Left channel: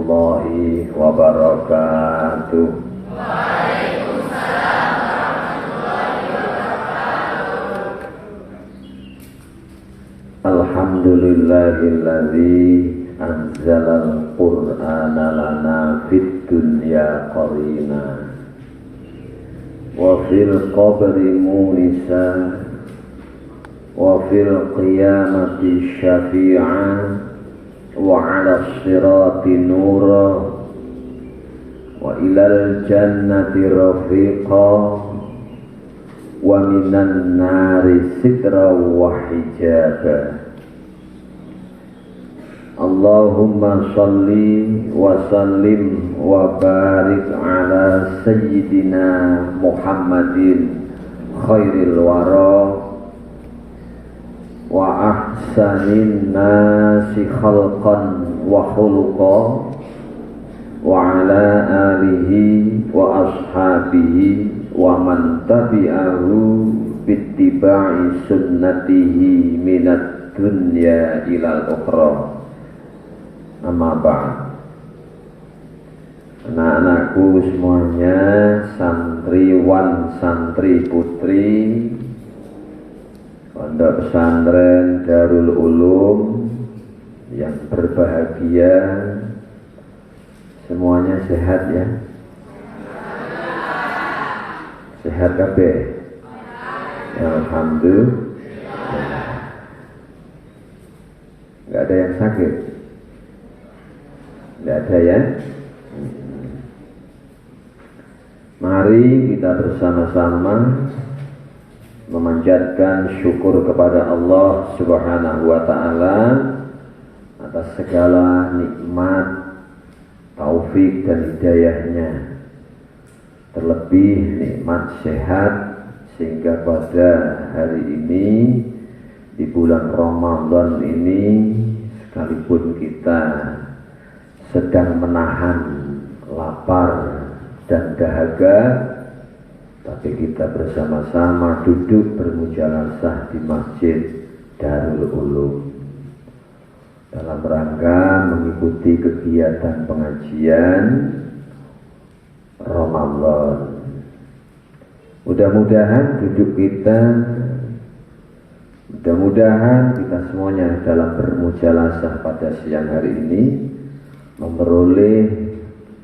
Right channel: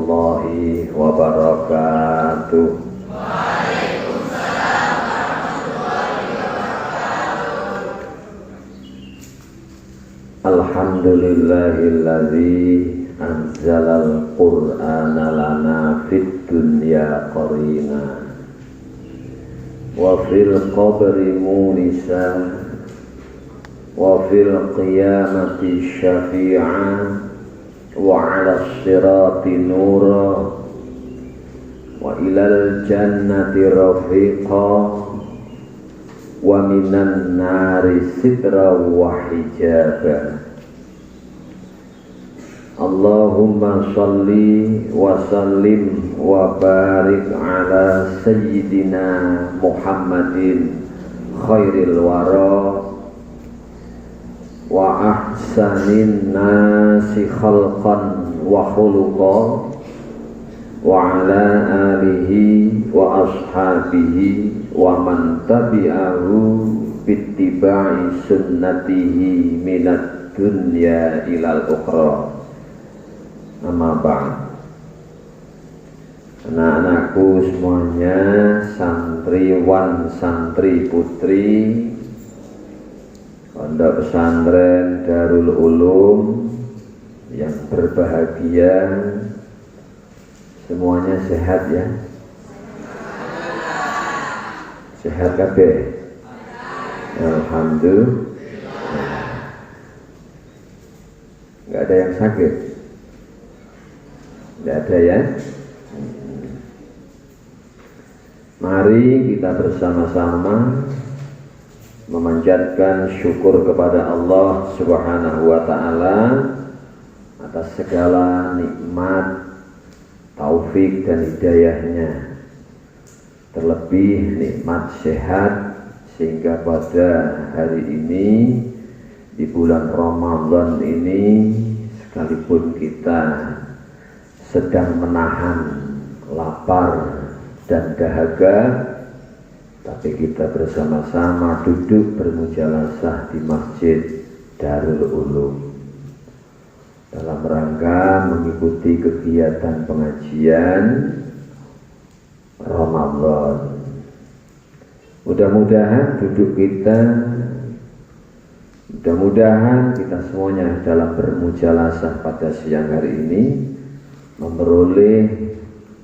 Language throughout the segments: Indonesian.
warahmatullahi wabarakatuh. Alhamdulillahilladzi anzalal qur'ana lana fid dunya qarina wa fil qabri munisa wa fil qiyamati syafi'an wa 'ala sirati nura wa ilal jannati rafiqa wa minan nari sitra wa hijaba. Allahumma salli wa sallim wa barik ala sayyidina Muhammadin khairil wara wa ahsanin nasi khalqan wa khuluqa wa ala alihi wa ashabihi wa man tabi'ahu bittiba'i sunnatihi minat dunya ilal ukhra. Amma ba'd. Anak-anakku semuanya, santriwan, santri putri Pondok Pesantren Darul Ulum yang berbahagia, semuanya sehat ya? Sehat kabeh? Alhamdulillah. Enggak ada yang sakit? Enggak ada ya? Mari kita bersama-sama memanjatkan syukur kepada Allah Subhanahu wa ta'ala atas segala nikmat, taufik dan hidayahnya, terlebih nikmat sehat, sehingga pada hari ini di bulan Ramadan ini, sekalipun kita sedang menahan lapar dan dahaga, tapi kita bersama-sama duduk bermujalasah di Masjid Darul Ulum dalam rangka mengikuti kegiatan pengajian Ramadan. Mudah-mudahan kita semuanya dalam bermujalasah pada siang hari ini memperoleh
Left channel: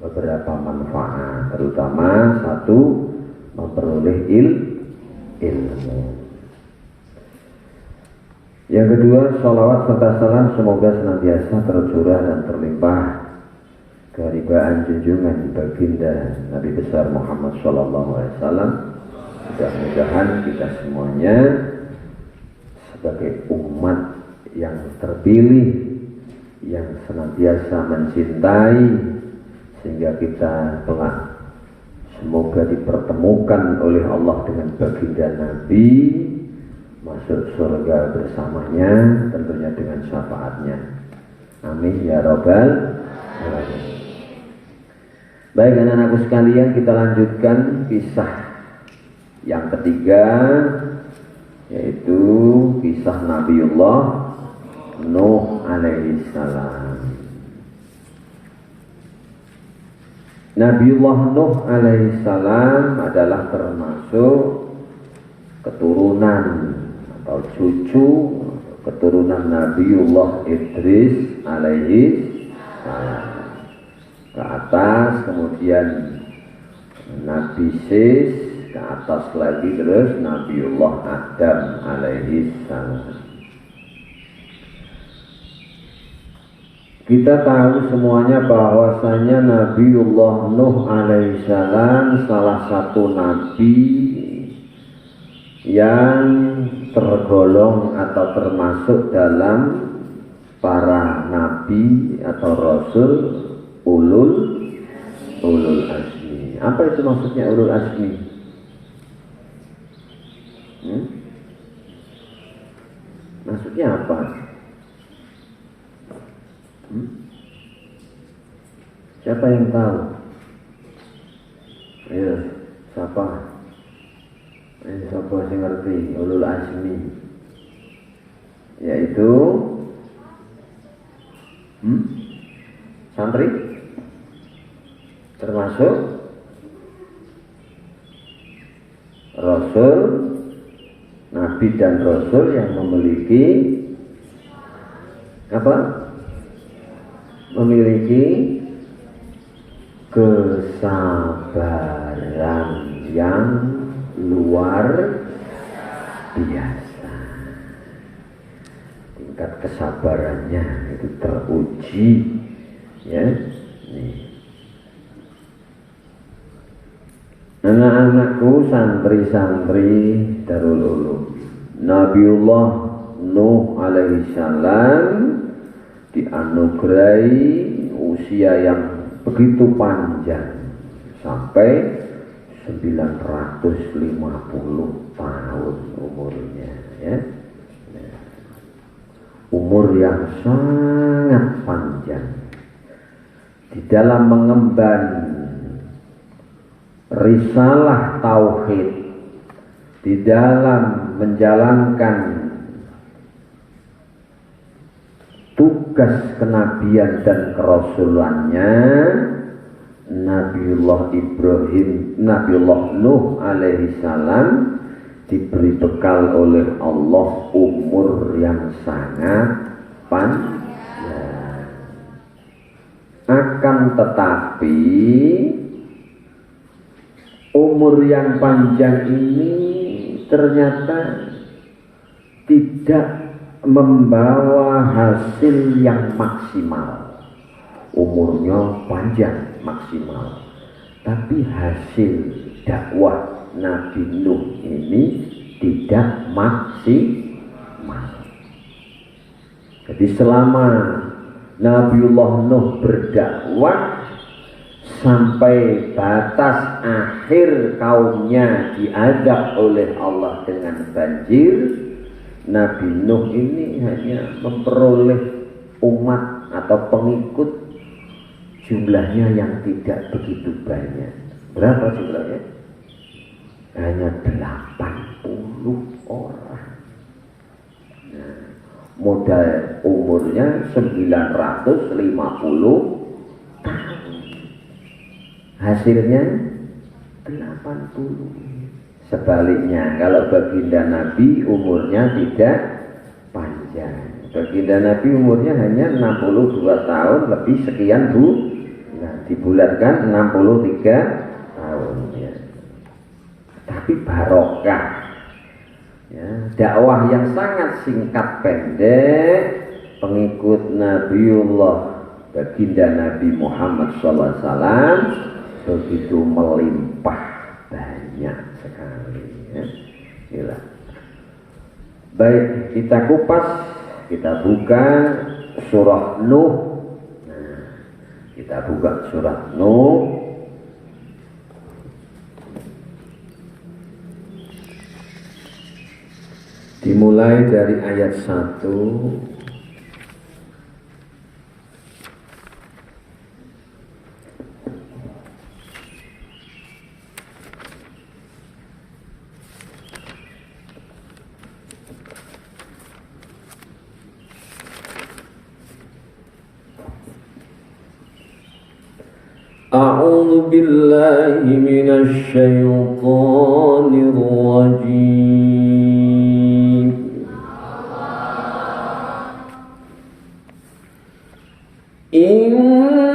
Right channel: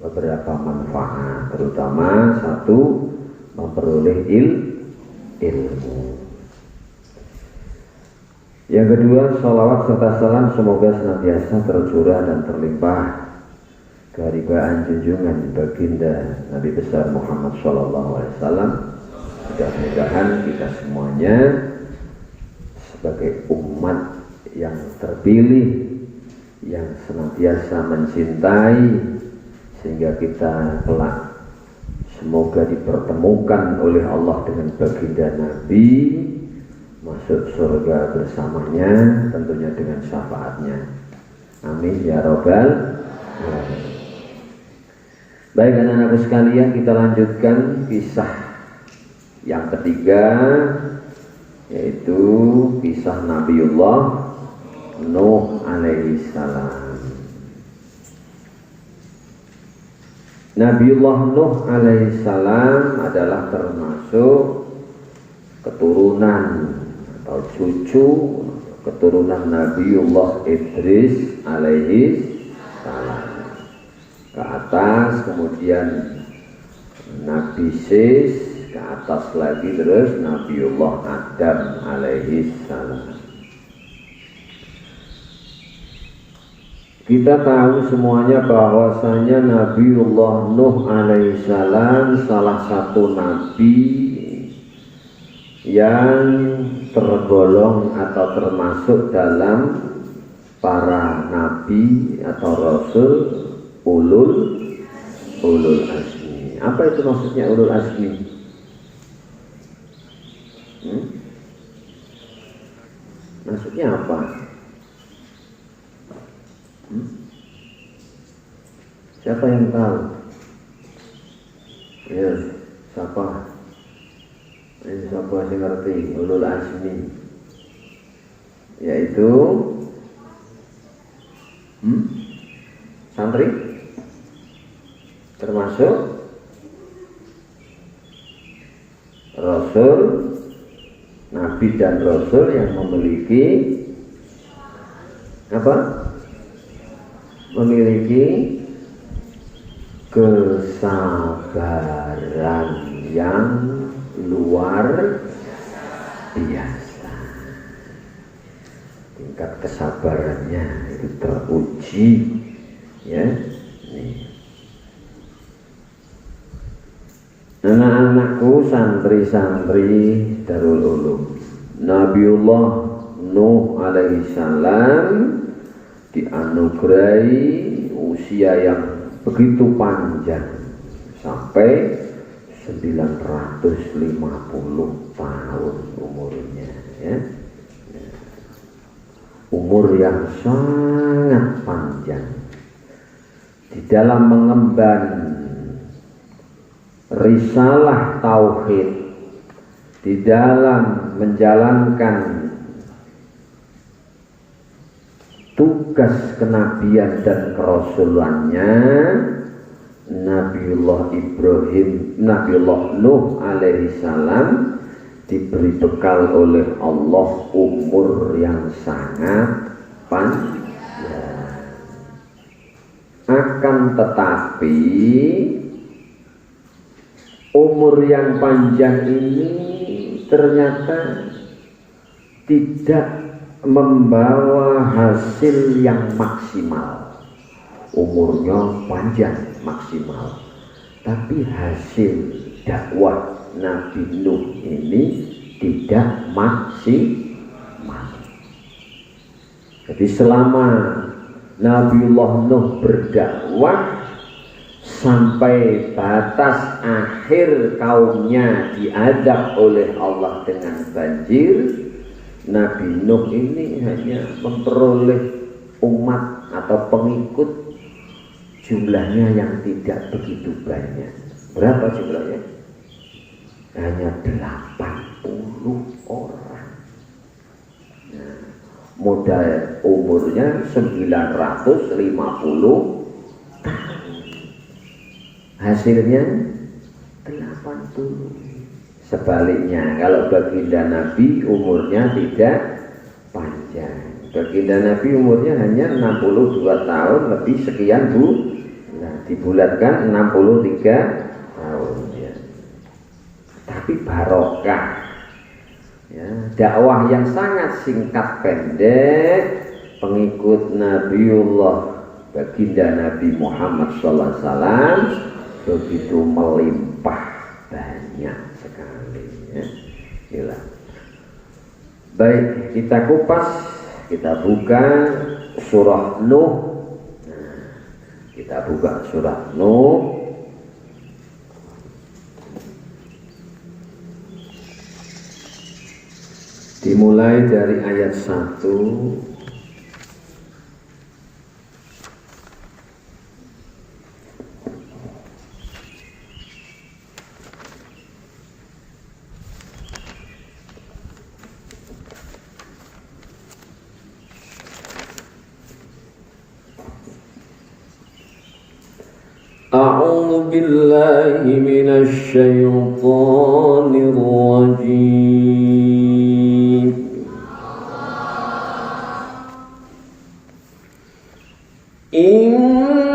beberapa manfaat, terutama satu, memperoleh ilmu. Yang kedua, sholawat serta salam semoga senantiasa tercurah dan terlimpah keharibaan junjungan baginda Nabi besar Muhammad sallallahu alaihi wasallam. Mudah-mudahan kita semuanya sebagai umat yang terpilih, yang senantiasa mencintai, sehingga kita kelak semoga dipertemukan oleh Allah dengan baginda Nabi, masuk surga bersamanya, tentunya dengan syafaatnya. Amin ya rabbal alamin. Baik anak-anakku sekalian, kita lanjutkan kisah yang ketiga, yaitu kisah Nabiullah Nuh alaihi salam. Nabiullah Nuh alaihi salam adalah termasuk keturunan atau cucu keturunan Nabiullah Idris alaihi salam. Ke atas kemudian Nabi Sis, ke atas lagi terus Nabiullah Adam alaihi salam. Kita tahu semuanya bahwasanya Nabiullah Nuh alaihissalam salah satu nabi yang tergolong atau termasuk dalam para nabi atau rasul ulul azmi. Apa itu maksudnya ulul azmi? Maksudnya apa? Siapa yang tahu? Ya, siapa? Siapa yang ngerti ulul azmi? Yaitu santri termasuk Rasul, Nabi dan Rasul yang memiliki apa? Memiliki kesabaran yang luar biasa. Tingkat kesabarannya itu teruji, ya. Nih. Anak-anakku santri-santri Darul Ulum, Nabiullah Nuh alaihi salam dianugerahi usia yang begitu panjang sampai 950 tahun umurnya, ya. Umur yang sangat panjang di dalam mengemban risalah tauhid, di dalam menjalankan tugas kenabian dan kerasulannya. Nabiullah Nuh alaihi salam diberi bekal oleh Allah umur yang sangat panjang. Akan tetapi umur yang panjang ini ternyata tidak membawa hasil yang maksimal. Umurnya panjang maksimal, tapi hasil dakwah Nabi Nuh ini tidak maksimal. Jadi selama Nabiullah Nuh berdakwah sampai batas akhir kaumnya diadab oleh Allah dengan banjir, Nabi Nuh ini hanya memperoleh umat atau pengikut jumlahnya yang tidak begitu banyak. Berapa jumlahnya? Hanya 80 orang. Nah, modal umurnya 950 tahun. Hasilnya 80. Sebaliknya, kalau baginda Nabi umurnya tidak panjang. Baginda Nabi umurnya hanya 62 tahun lebih sekian bu. Nah, dibulatkan 63 tahun, ya. Tapi barokah, ya, dakwah yang sangat singkat pendek, pengikut Nabiullah baginda Nabi Muhammad SAW begitu melimpah banyak sekali, ya. Gila. Baik, kita kupas, kita buka surah Nuh. Kita buka surah Nuh. Dimulai dari ayat 1. أعوذ بالله من الشيطان الرجيم. إنا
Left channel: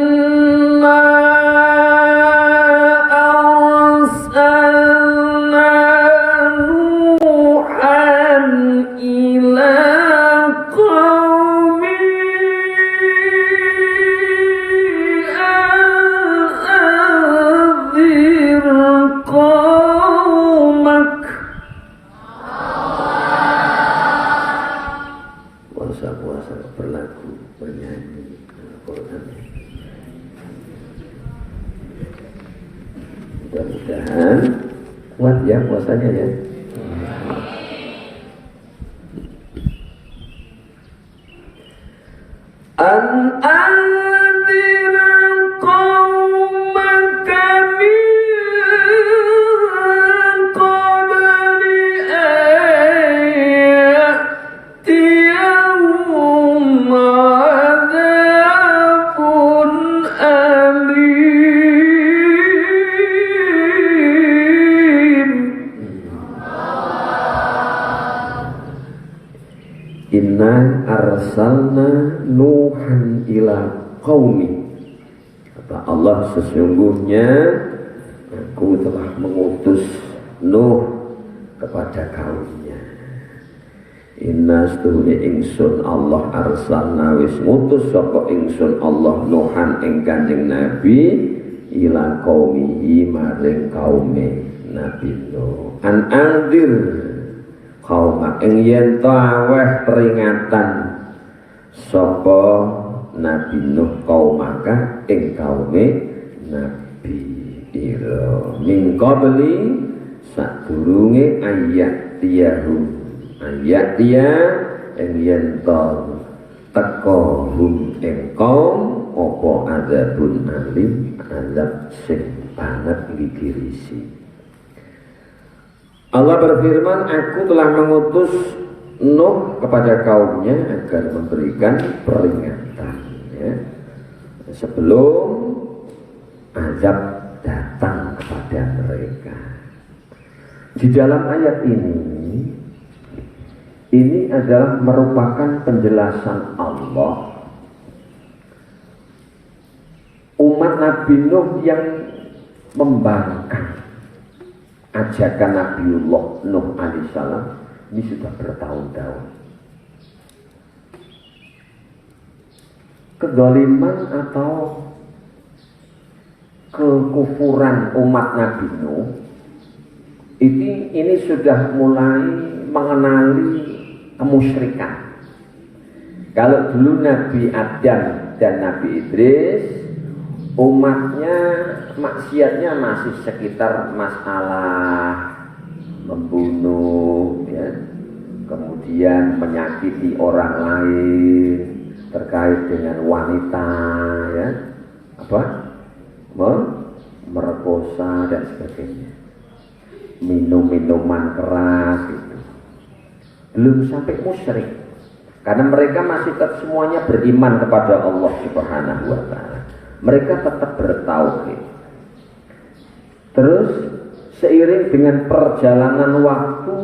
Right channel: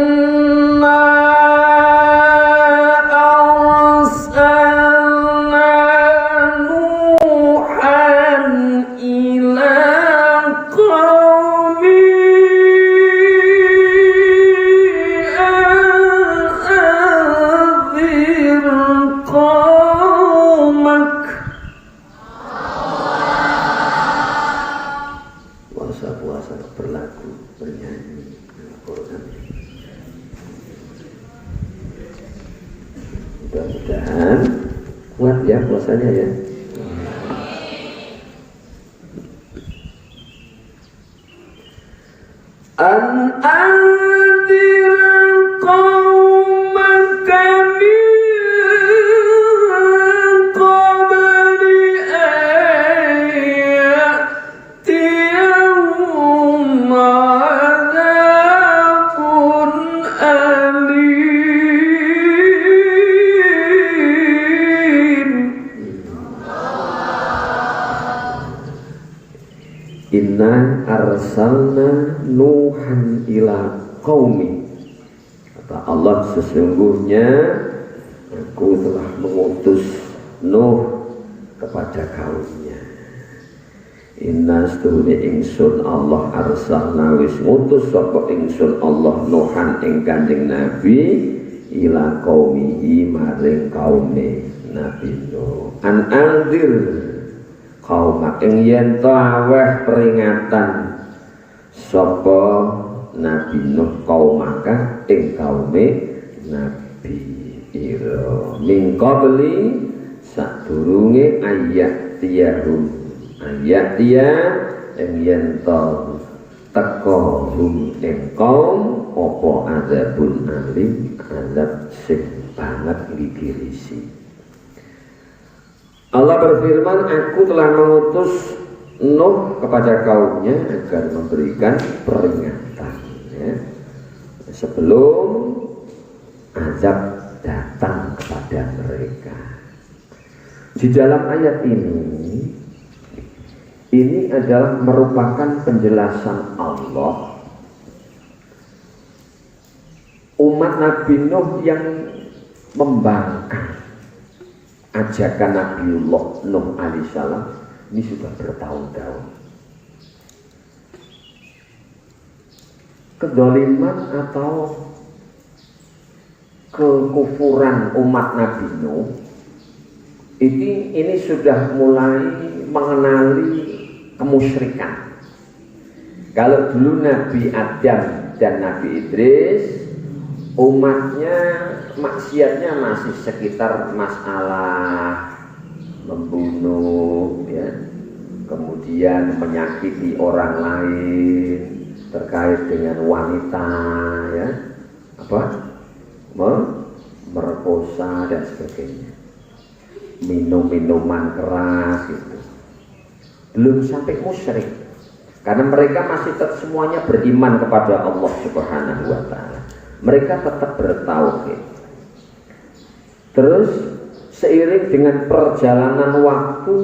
أرسلنا نوحا إلى قومه puasa berlagu bernyanyi Al-Quran. Mudah-mudahan kuat ya puasanya ya. arsalna Nuhan ila qaumi. Kata Allah, sesungguhnya aku telah mengutus Nuh kepada kaumnya. Inna stune ingsun Allah arsalna wis ngutus sapa ingsun Allah Nuhan ing Kanjeng Nabi ila qaumihi maring kaume Nabi Nuh. An anzir kaum ing yen taweh peringatan sapa Nabi Nuh kaumaka ing kaume Nabi ira min qabli sadurunge ayat dia ing yen teko hum ing kaum apa azabun alim azab sing banget ngigirisi. Allah berfirman, aku telah mengutus Nuh kepada kaumnya agar memberikan peringatan ya, sebelum azab datang kepada mereka. Di dalam ayat ini adalah merupakan penjelasan Allah umat Nabi Nuh yang membangkang ajakan Nabiullah Nuh alaihissalam ini sudah bertahun-tahun. Kedoliman atau kekufuran umat Nabi Nuh ini sudah mulai mengenali kemusyrikan. Kalau dulu Nabi Adam dan Nabi Idris umatnya maksiatnya masih sekitar masalah membunuh ya, kemudian menyakiti orang lain terkait dengan wanita ya, merkosa dan sebagainya, minum-minuman keras itu. Belum sampai musyrik karena mereka masih tetap semuanya beriman kepada Allah Subhanahu wa taala. Mereka tetap bertauhid. Terus seiring dengan perjalanan waktu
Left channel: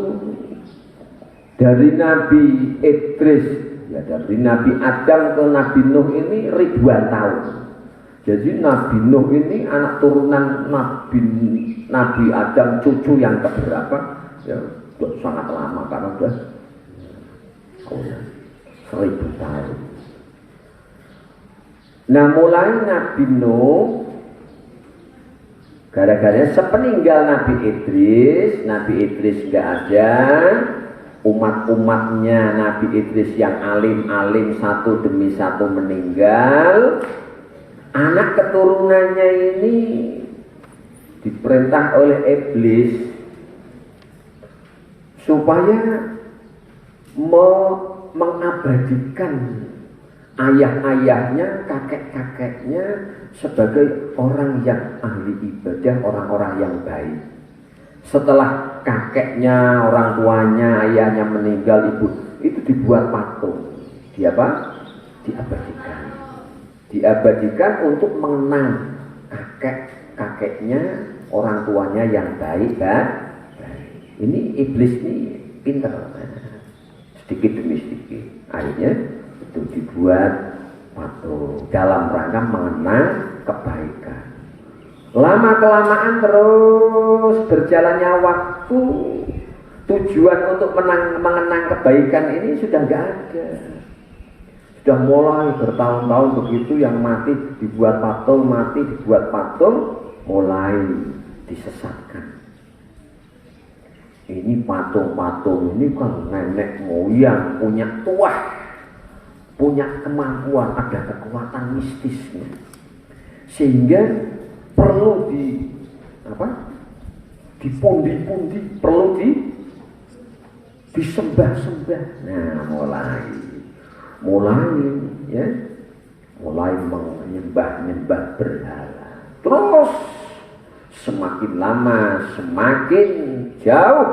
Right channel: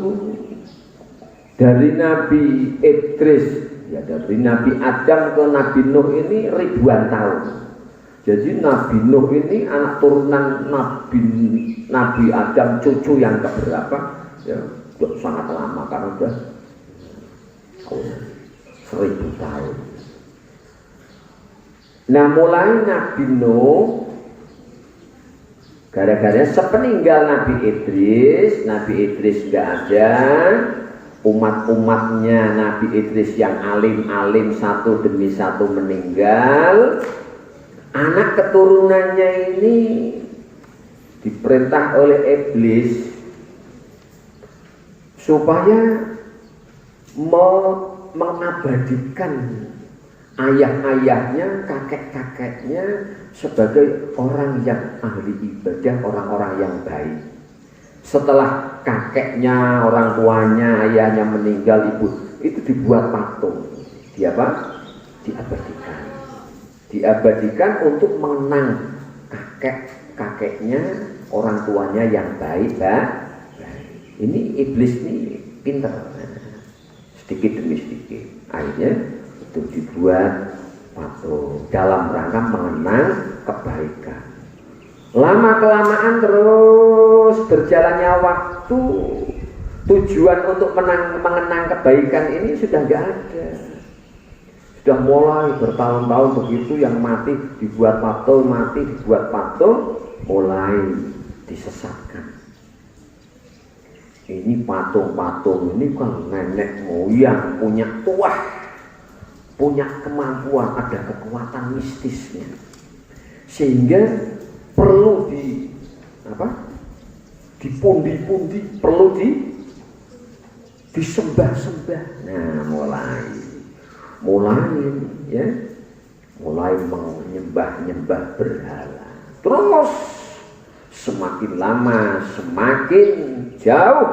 dari Nabi Idris ya, dari Nabi Adam ke Nabi Nuh ini ribuan tahun. Jadi Nabi Nuh ini anak turunan Nabi Adam, cucu yang keberapa ya, sangat lama karena sudah 1000 tahun. Nah mulai Nabi Nuh gara-gara sepeninggal Nabi Idris gak ada, umat-umatnya Nabi Idris yang alim-alim satu demi satu meninggal. Anak keturunannya ini diperintah oleh iblis supaya mengabadikan ayah-ayahnya, kakek-kakeknya sebagai orang yang ahli ibadah, orang-orang yang baik. Setelah kakeknya, orang tuanya, ayahnya meninggal, ibu itu dibuat patung. Diabadikan untuk mengenang kakeknya, orang tuanya yang baik. Ini iblis ini pintar, sedikit demi sedikit. Akhirnya itu dibuat patung dalam rangka mengenang kebaikan. Lama kelamaan terus berjalannya waktu, tujuan untuk mengenang kebaikan ini sudah nggak ada. Sudah mulai bertahun-tahun begitu, yang mati dibuat patung, mulai disesatkan. Ini patung-patung ini kan nenek moyang punya kemampuan, ada kekuatan mistisnya, sehingga perlu dipundi-pundi, perlu disembah-sembah. Nah mulai menyembah berhala. Terus semakin lama semakin jauh,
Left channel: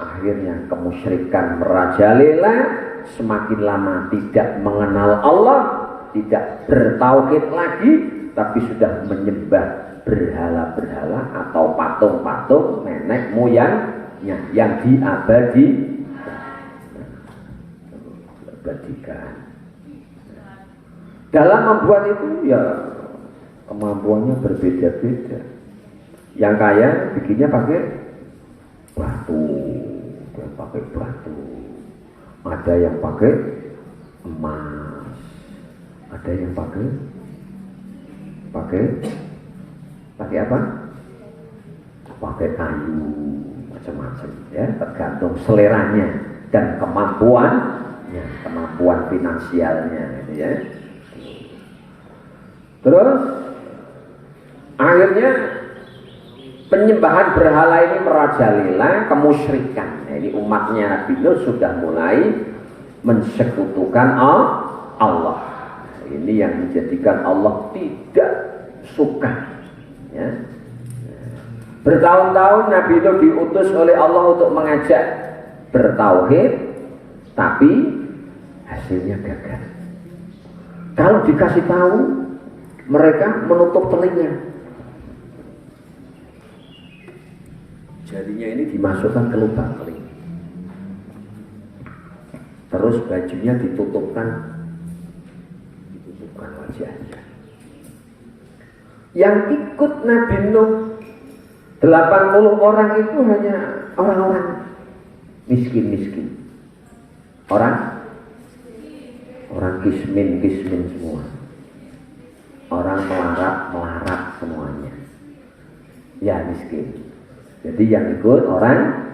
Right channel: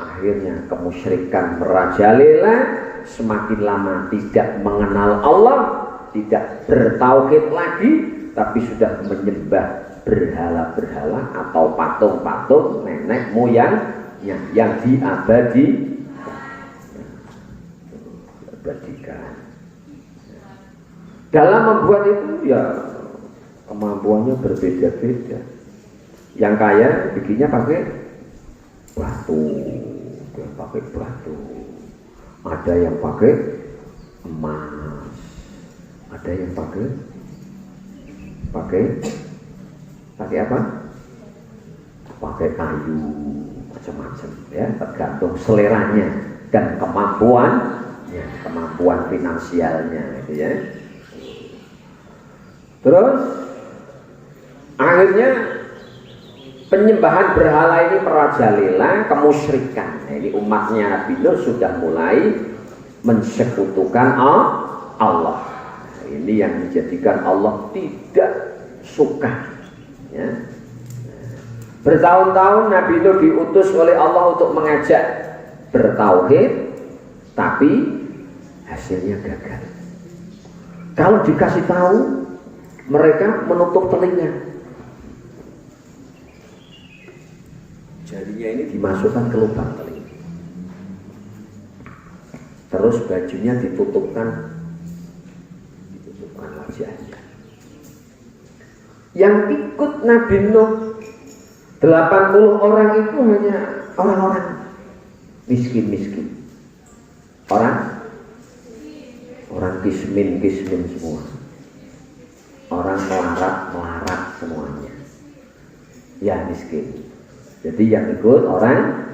akhirnya kemusyrikan merajalela. Semakin lama tidak mengenal Allah, tidak bertauhid lagi, tapi sudah menyembah berhala-berhala atau patung-patung nenek moyangnya yang diabadikan. Dalam membuat itu ya kemampuannya berbeda-beda. Yang kaya bikinnya pakai batu, yang pakai batu. Ada yang pakai emas, ada yang pakai apa? Pakai kayu, macam-macam ya, tergantung seleranya dan kemampuan finansialnya gitu ya. Terus akhirnya penyembahan berhala ini merajalela kemusyrikan. Nah, ini umatnya Nabi Nuh sudah mulai mensekutukan Allah. Ini yang menjadikan Allah tidak suka. Ya. Bertahun-tahun Nabi Nuh diutus oleh Allah untuk mengajak bertauhid, tapi hasilnya gagal. Kalau dikasih tahu, mereka menutup telinga. Jarinya ini dimasukkan ke lubang telinga. Terus bajunya ditutupkan wajahnya. Yang ikut Nabi Nuh 80 orang itu hanya orang-orang miskin-miskin. Orang kismin semua. Orang melarat semuanya. Ya miskin. Jadi yang ikut orang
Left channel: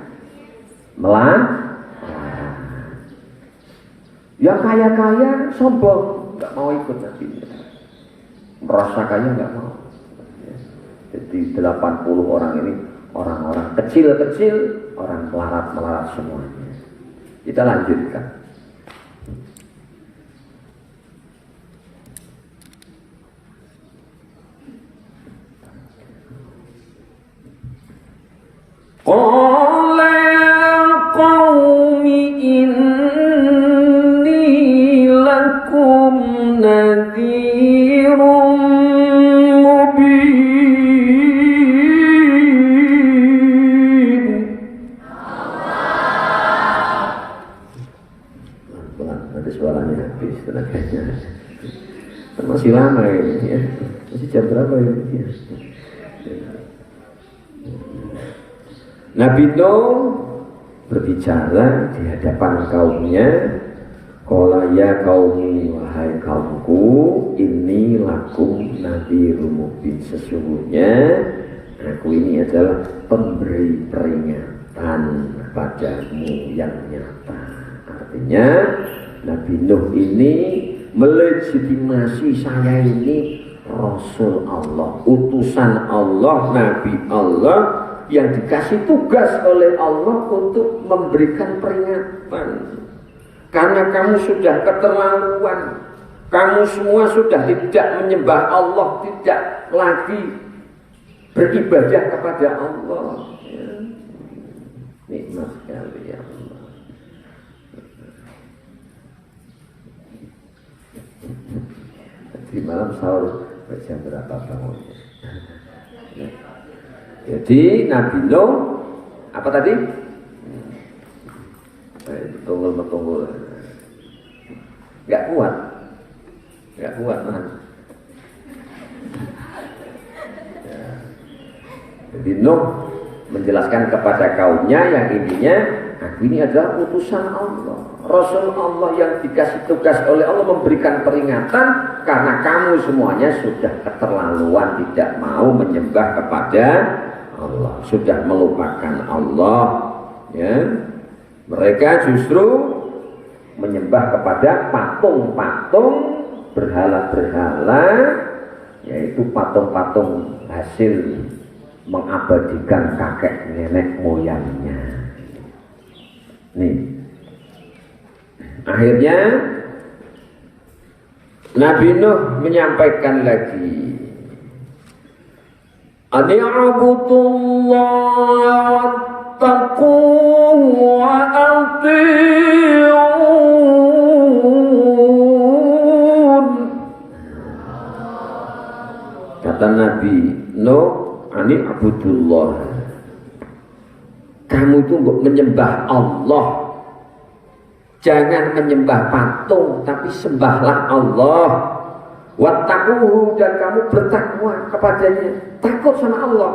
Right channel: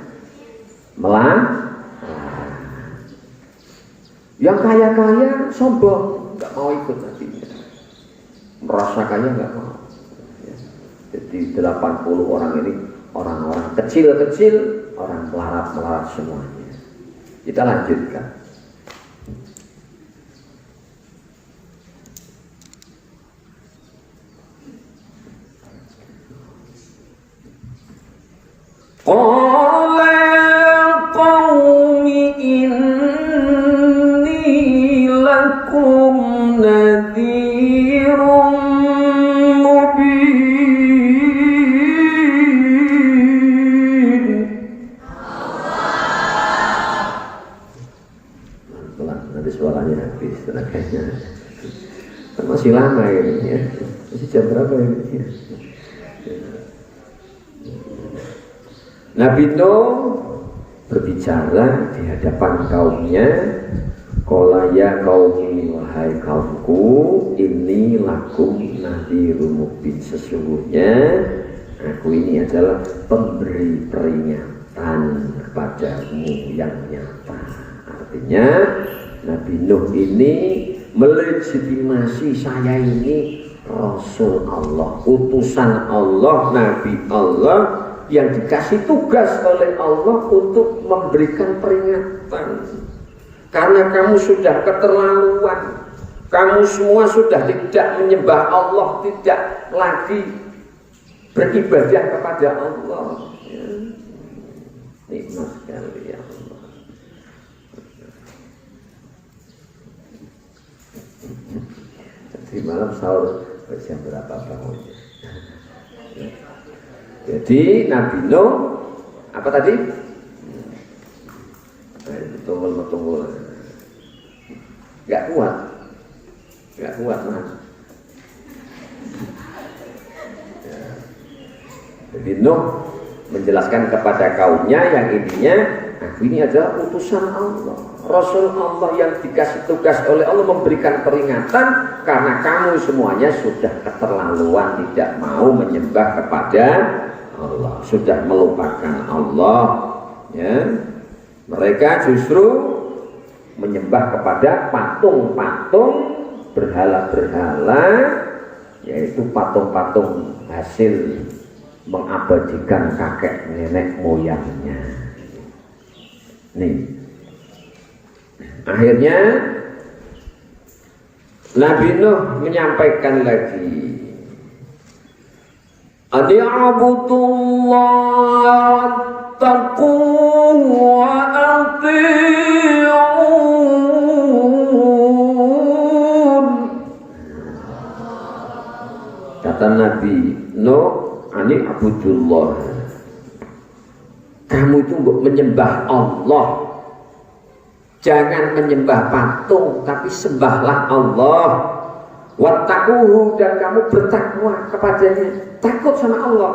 melarat. Yang kaya-kaya sombong, nggak mau ikut Nabi. Merasa kaya nggak mau. Jadi 80 orang ini orang-orang kecil-kecil, orang melarat semuanya. Kita lanjutkan. Qala qaumi inni lakum nadhirum mubin. Nanti suaranya habis tenaganya. Masih lama ini ya. Masih jam berapa ini ya? Nabi Nuh berbicara di hadapan kaumnya, qala ya qaumi, wahai kaumku, inni lakum nadhirum mubin. Sesungguhnya aku ini adalah pemberi peringatan kepadamu yang nyata. Artinya Nabi Nuh ini melegitimasi saya ini Rasul Allah, utusan Allah, Nabi Allah yang dikasih tugas oleh Allah untuk memberikan peringatan. Karena kamu sudah keterlaluan, kamu semua sudah tidak menyembah Allah, tidak lagi beribadah kepada Allah. Ya. Nikmat sekali ya Allah. Di malam sahur jam berapa bangunnya? Ya. Jadi Nabi Nuh apa tadi? Betul. Gak kuat man. Ya. Jadi Nuh menjelaskan kepada kaumnya yang intinya, aku ini adalah utusan Allah, Rasul Allah yang dikasih tugas oleh Allah memberikan peringatan karena kamu semuanya sudah keterlaluan, tidak mau menyembah kepada Allah, sudah melupakan Allah, ya. Mereka justru menyembah kepada patung-patung, berhala-berhala, yaitu patung-patung hasil mengabadikan kakek nenek moyangnya. Nih, akhirnya Nabi Nuh menyampaikan lagi, Adi'abudullah taqu wa ati'un. Kata Nabi Nuh, Adi'abudullah, kamu itu menyembah Allah, jangan menyembah patung, tapi sembahlah Allah. wattaquhu, dan kamu bertakwa kepadanya, takut sama Allah.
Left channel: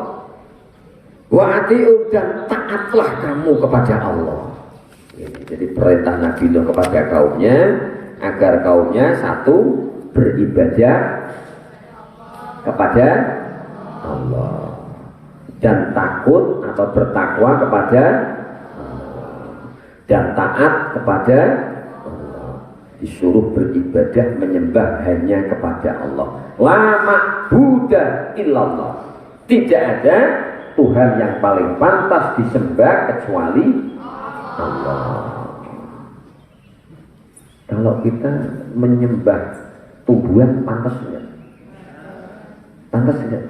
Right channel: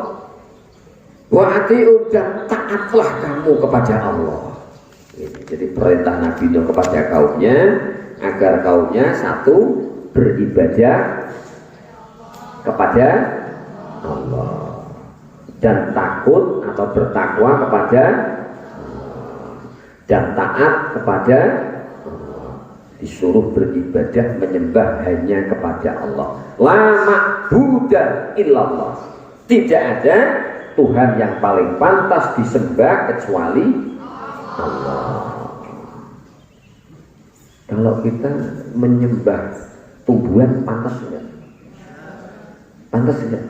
Wa ati'u, dan taatlah kamu kepada Allah. Jadi perintah Nabi Nuh kepada kaumnya agar kaumnya satu, beribadah kepada Allah dan takut atau bertakwa kepada Allah, dan taat kepada Allah. Disuruh beribadah menyembah hanya kepada Allah. La ma'buda illallah. Tidak ada Tuhan yang paling pantas disembah kecuali Allah. Kalau kita menyembah tumbuhan pantas enggak? Pantas enggak?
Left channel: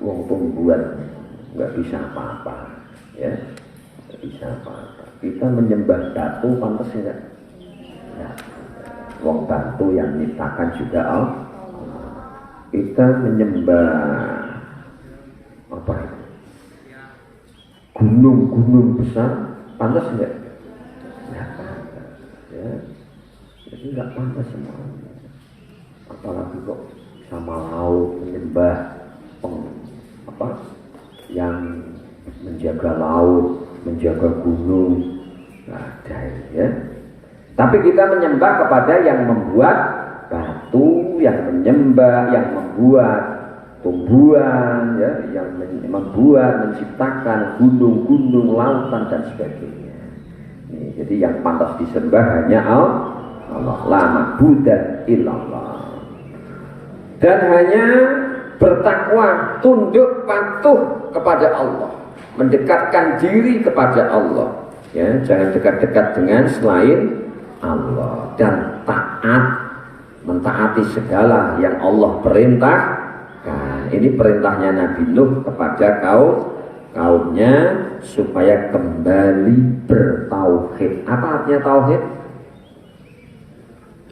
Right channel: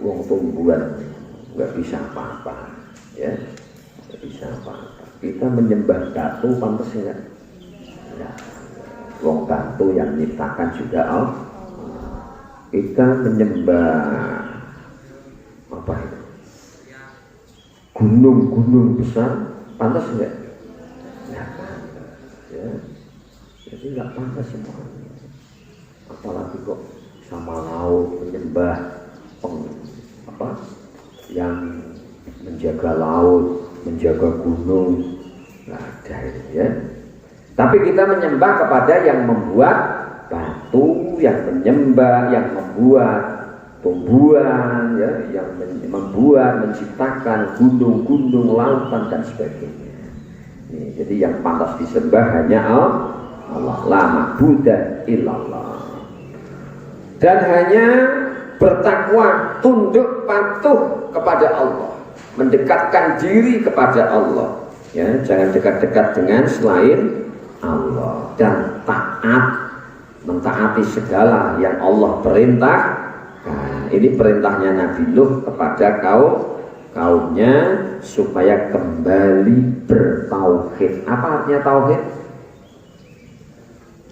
Wong tumbuhan enggak bisa apa-apa, ya, enggak bisa apa-apa. Kita menyembah batu pantas enggak? Ya. Wong batu yang menciptakan juga Allah. Kita menyembah apa itu? Gunung-gunung besar pantas enggak? Ya, pantas. Ya. Jadi enggak pantas semuanya. Apalagi kok sama laut menyembah yang menjaga laut, menjaga gunung, nggak ada ya. Tapi kita menyembah kepada yang membuat batu, yang menyembah, yang membuat tumbuhan, ya, yang membuat, menciptakan gunung-gunung, lautan dan sebagainya. Ini, jadi yang pantas disembah hanya Allah, la ma'buda illallah. Dan hanya bertakwa, tunduk patuh kepada Allah, mendekatkan diri kepada Allah, ya, jangan dekat-dekat dengan selain Allah, dan taat, mentaati segala yang Allah perintahkan. Ini perintahnya Nabi Nuh kepada kaumnya supaya kembali bertauhid. Apa artinya tauhid?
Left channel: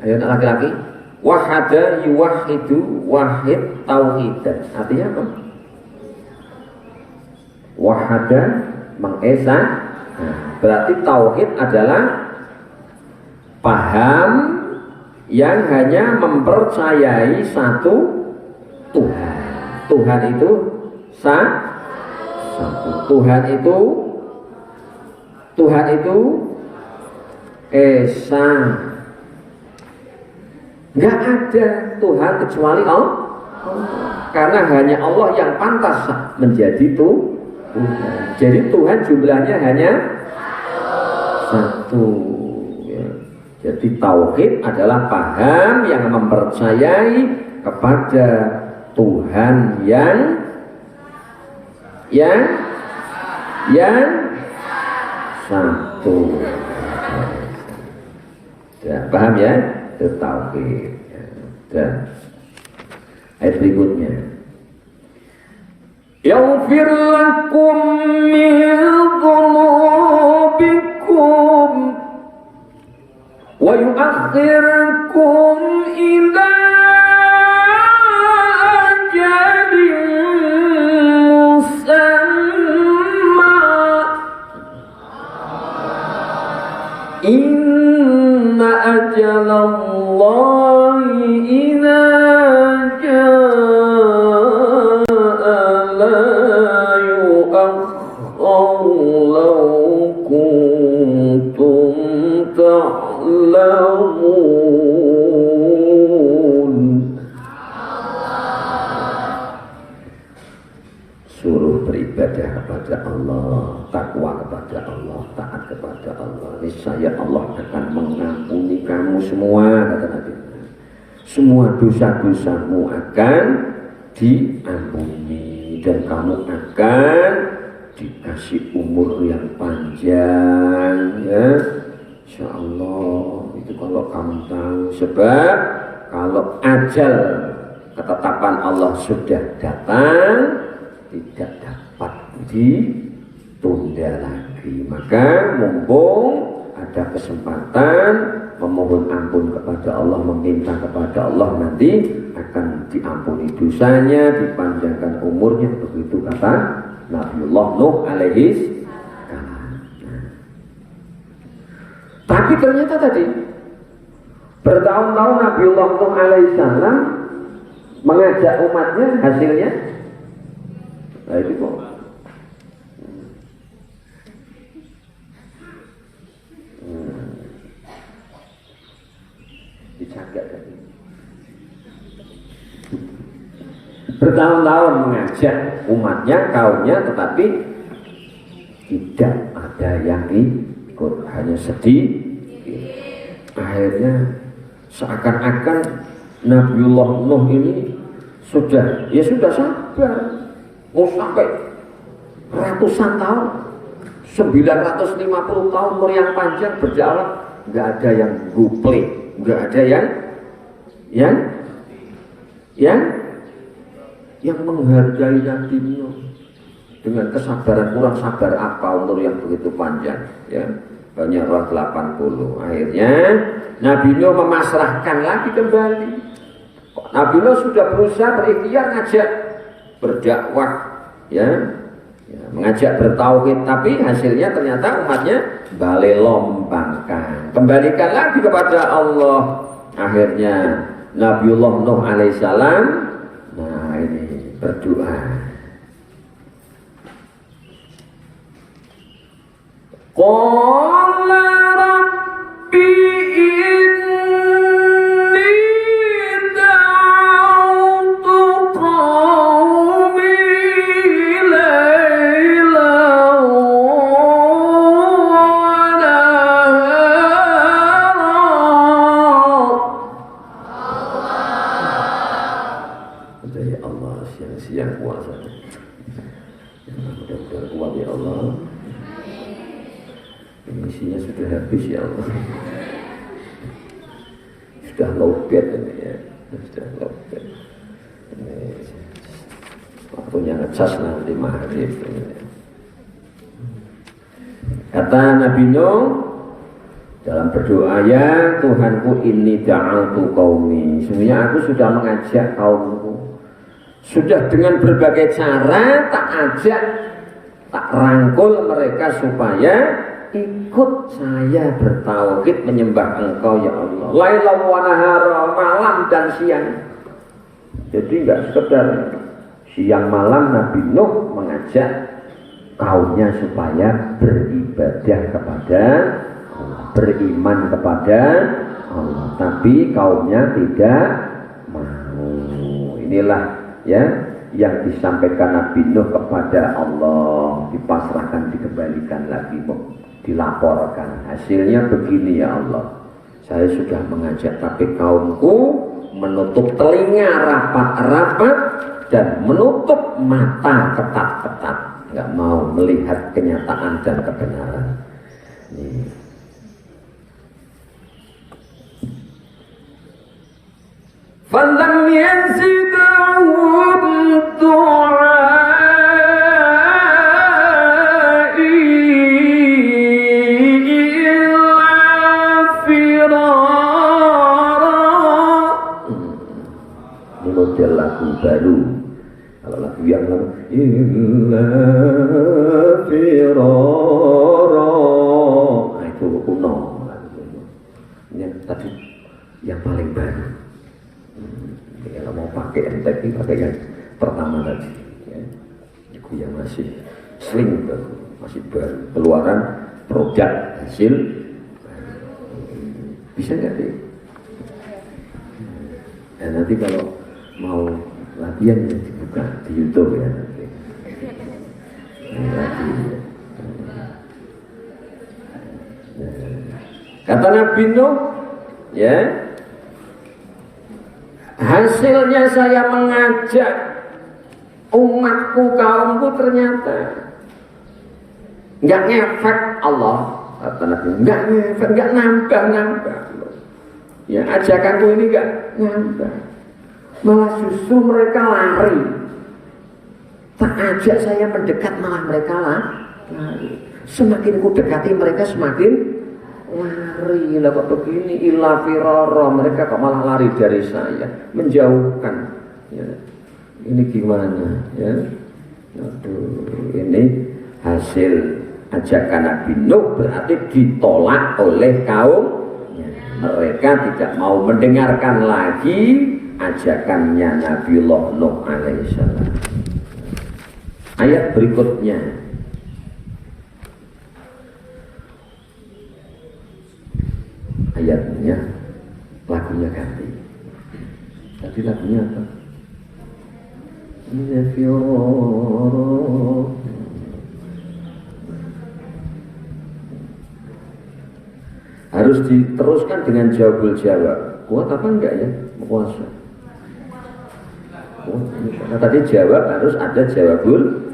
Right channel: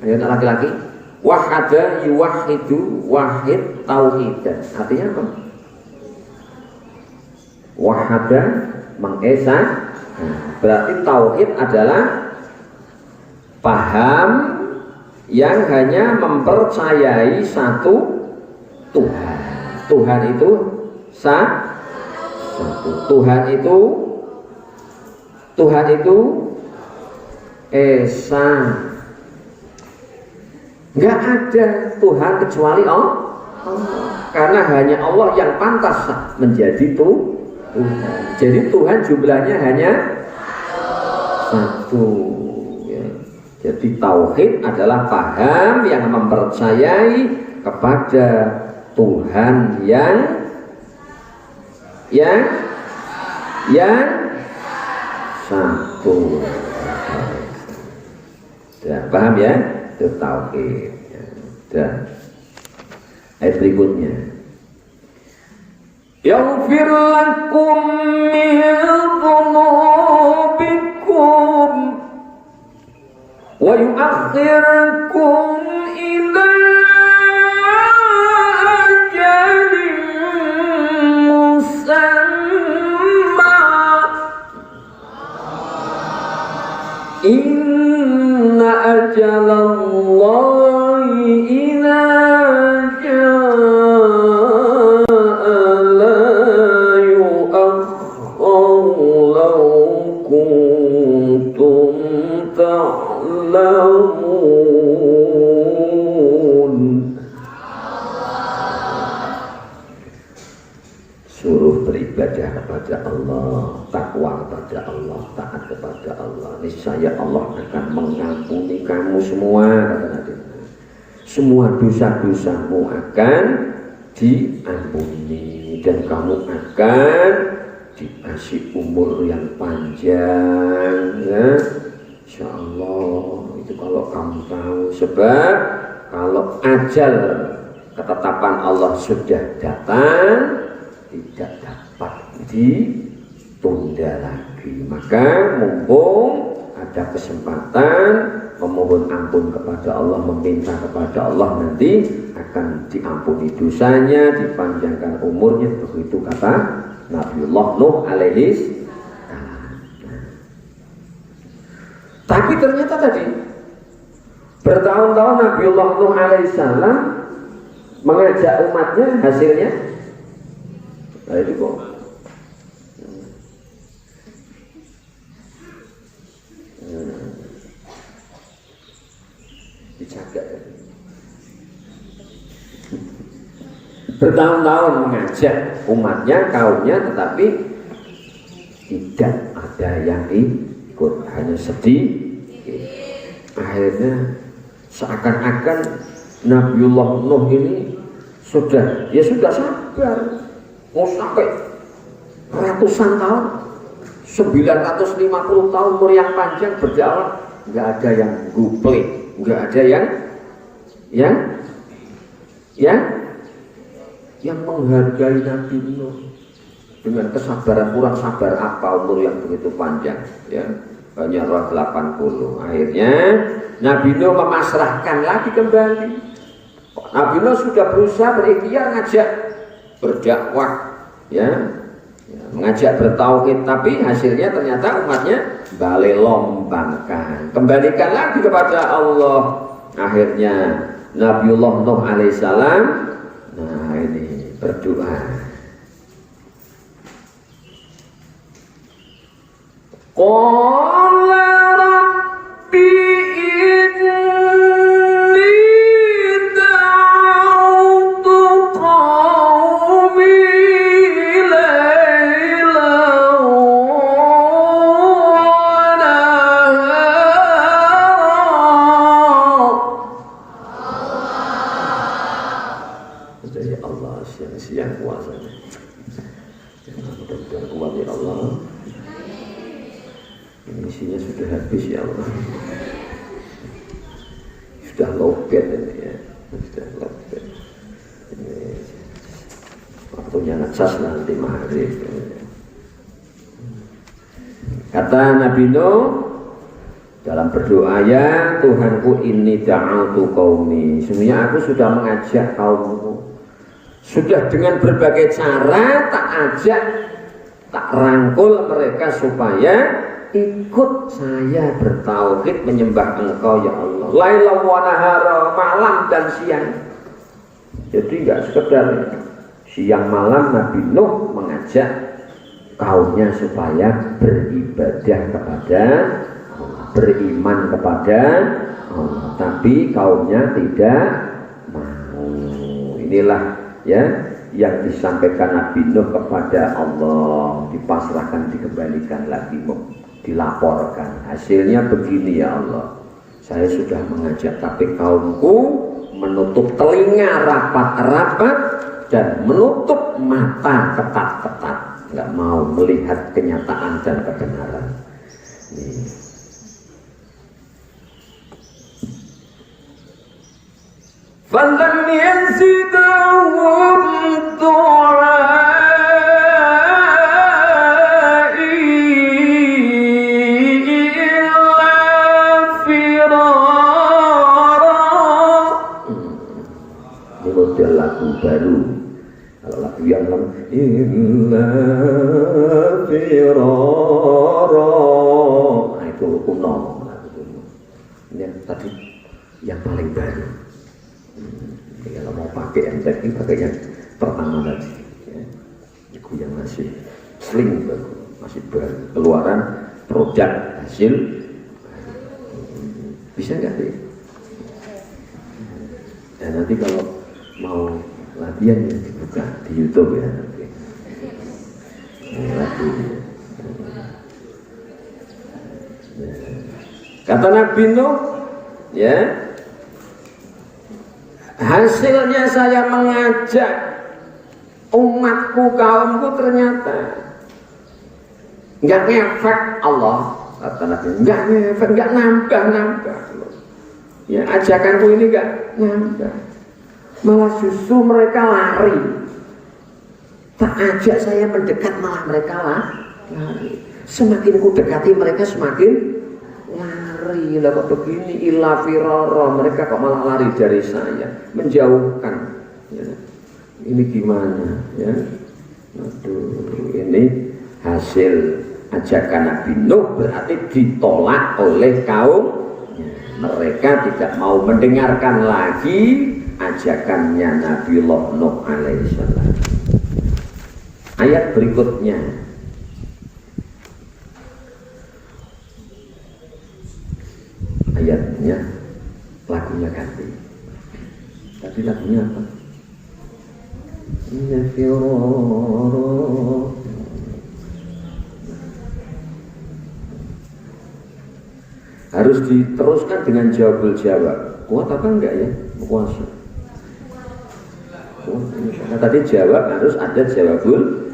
Ayo laki-laki. Wahada yuwahidu, wahid tauhidan. Artinya apa? Wahada mengesah. Berarti tauhid adalah paham yang hanya mempercayai satu Tuhan. Tuhan itu satu. Tuhan itu esa. Nggak ada Tuhan kecuali Allah. Karena hanya Allah yang pantas menjadi Tuhan. Jadi Tuhan jumlahnya hanya satu. Ya. Jadi tauhid adalah paham yang mempercayai kepada Tuhan yang satu. Ya, paham ya? Itu tauhid. Dan ayat berikutnya, yaghfir lakum min dhunubikum wa yu'akhirkum ila ajalin musamma inna ajalallahi idza suruh beribadah kepada Allah, takwa kepada Allah, taat kepada Allah. Niscaya Allah akan mengampuni kamu semua, kata Nabi. Semua dosa-dosamu akan diampuni dan kamu akan dikasih umur yang panjang, ya. Insya Allah itu kalau kamu tahu. Sebab kalau ajal ketetapan Allah sudah datang, tidak dapat ditunda lagi. Maka mumpung ada kesempatan memohon ampun kepada Allah, meminta kepada Allah, nanti akan diampuni dosanya, dipanjangkan umurnya. Begitu kata Nabiullah Nuh alaihi. Tapi ternyata tadi Bertahun-tahun Nabiullah Nuh alaihissalam mengajak umatnya, hasilnya nah itu kok dijaga. Bertahun-tahun mengajak umatnya, kaumnya, tetapi tidak ada yang ikut, hanya sedih. Akhirnya seakan-akan Nabiullah Nuh ini sudah sabar, mau sampai ratusan tahun, 950 tahun umur yang panjang berjalan, nggak ada yang guplek, nggak ada yang menghargai Nabi Nuh dengan kesabaran. Kurang sabar apa umur yang begitu panjang, ya, hanya 80. Akhirnya Nabi Nuh memasrahkan lagi kembali. Nabi Nuh sudah berusaha berikhtiar ngajak berdakwah, ya, mengajak bertauhid, tapi hasilnya ternyata umatnya balik lompangkan, kembalikan lagi kepada Allah. Akhirnya Nabiullah Nuh alaihissalam, nah ini berdoa. Qala Rabbi siang puasa. Mudah-mudahan kuat ya Allah. Ini isinya sudah habis ya Allah. Sudah lobet ini ya. Sudah lobet. Ini waktunya ngecas nanti maghrib. Kata Nabi Nuh dalam berdoa, ya Tuhanku, inni da'autu qaumi. Sebenarnya aku sudah mengajak kaumku. Sudah dengan berbagai cara tak ajak, tak rangkul mereka supaya ikut saya bertauhid menyembah Engkau ya Allah. Laila wa nahara, malam dan siang. Jadi enggak sekedar siang malam Nabi Nuh mengajak kaumnya supaya beribadah kepada Allah, beriman kepada Allah, tapi kaumnya tidak mau. Inilah ya yang disampaikan Nabi Nuh kepada Allah, dipasrahkan, dikembalikan lagi, dilaporkan. Hasilnya begini ya Allah, saya sudah mengajak tapi kaumku menutup telinga rapat-rapat dan menutup mata ketat-ketat, nggak mau melihat kenyataan dan kebenaran. Nih. Falam yazidhum du'ai illa firara. Ini model lagu baru. Kalau lagu yang illa firara, nah itu kuno. Ini tadi yang paling baru. Kalau mau pakai entek ini pakai yang pertama tadi ya. Itu yang masih sling baru, masih baru, keluaran produk hasil bisa nggak sih? Ya, nanti kalau mau latihan ya dibuka di YouTube ya nanti. Kata Nabi Nuh, ya, hasilnya saya mengajak umatku, kaumku, ternyata nggak ngefek Allah. Kata Nabi, nggak ngefek, nggak nambah. Ya, ajakanku ini nggak nambah, malah justru mereka lari. Tak ajak saya mendekat, malah mereka lari. Semakin ku dekati mereka semakin lari. Lah kok begini, illa firara, mereka kok malah lari dari saya, menjauhkan ya. Ini gimana ya? Aduh, ini hasil ajakan Nabi Nuh berarti ditolak oleh kaum ya. Mereka tidak mau mendengarkan lagi ajakannya Nabiullah Nuh alaihissalam. Ayat berikutnya, ayatnya lagunya ganti. Tadi lagunya apa? Harus diteruskan dengan jawabul jawab. Kuat apa enggak ya? Kuasa. Karena tadi jawab harus ada jawabul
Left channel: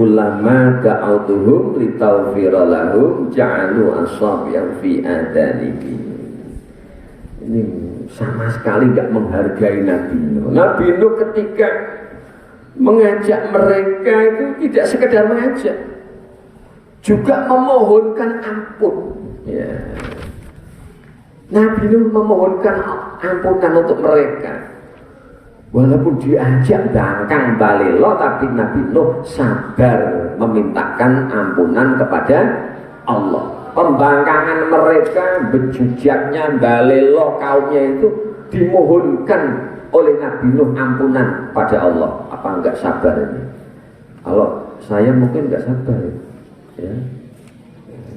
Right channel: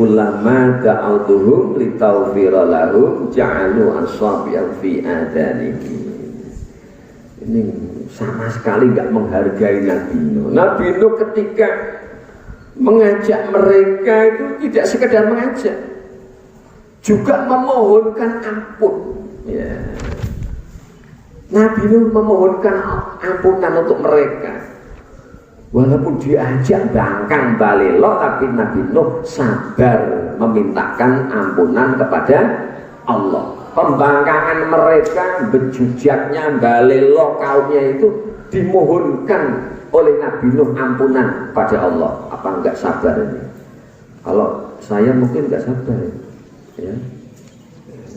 kullama da'autuhum litaghfira lahum ja'alu asabi'ahum fi adanihim. Ini sama sekali enggak menghargai Nabi Nuh. Nabi Nuh ketika mengajak mereka itu tidak sekedar mengajak, juga memohonkan ampun. Ya. Nabi Nuh memohonkan ampunan untuk mereka. Walaupun diajak bangkang balelo, tapi Nabi Nuh sabar memintakan ampunan kepada Allah. Pembangkangan mereka, bejujaknya balelo kaumnya itu dimohonkan oleh Nabi Nuh ampunan pada Allah. Apa enggak sabar ini? Kalau saya mungkin enggak sabar, ya.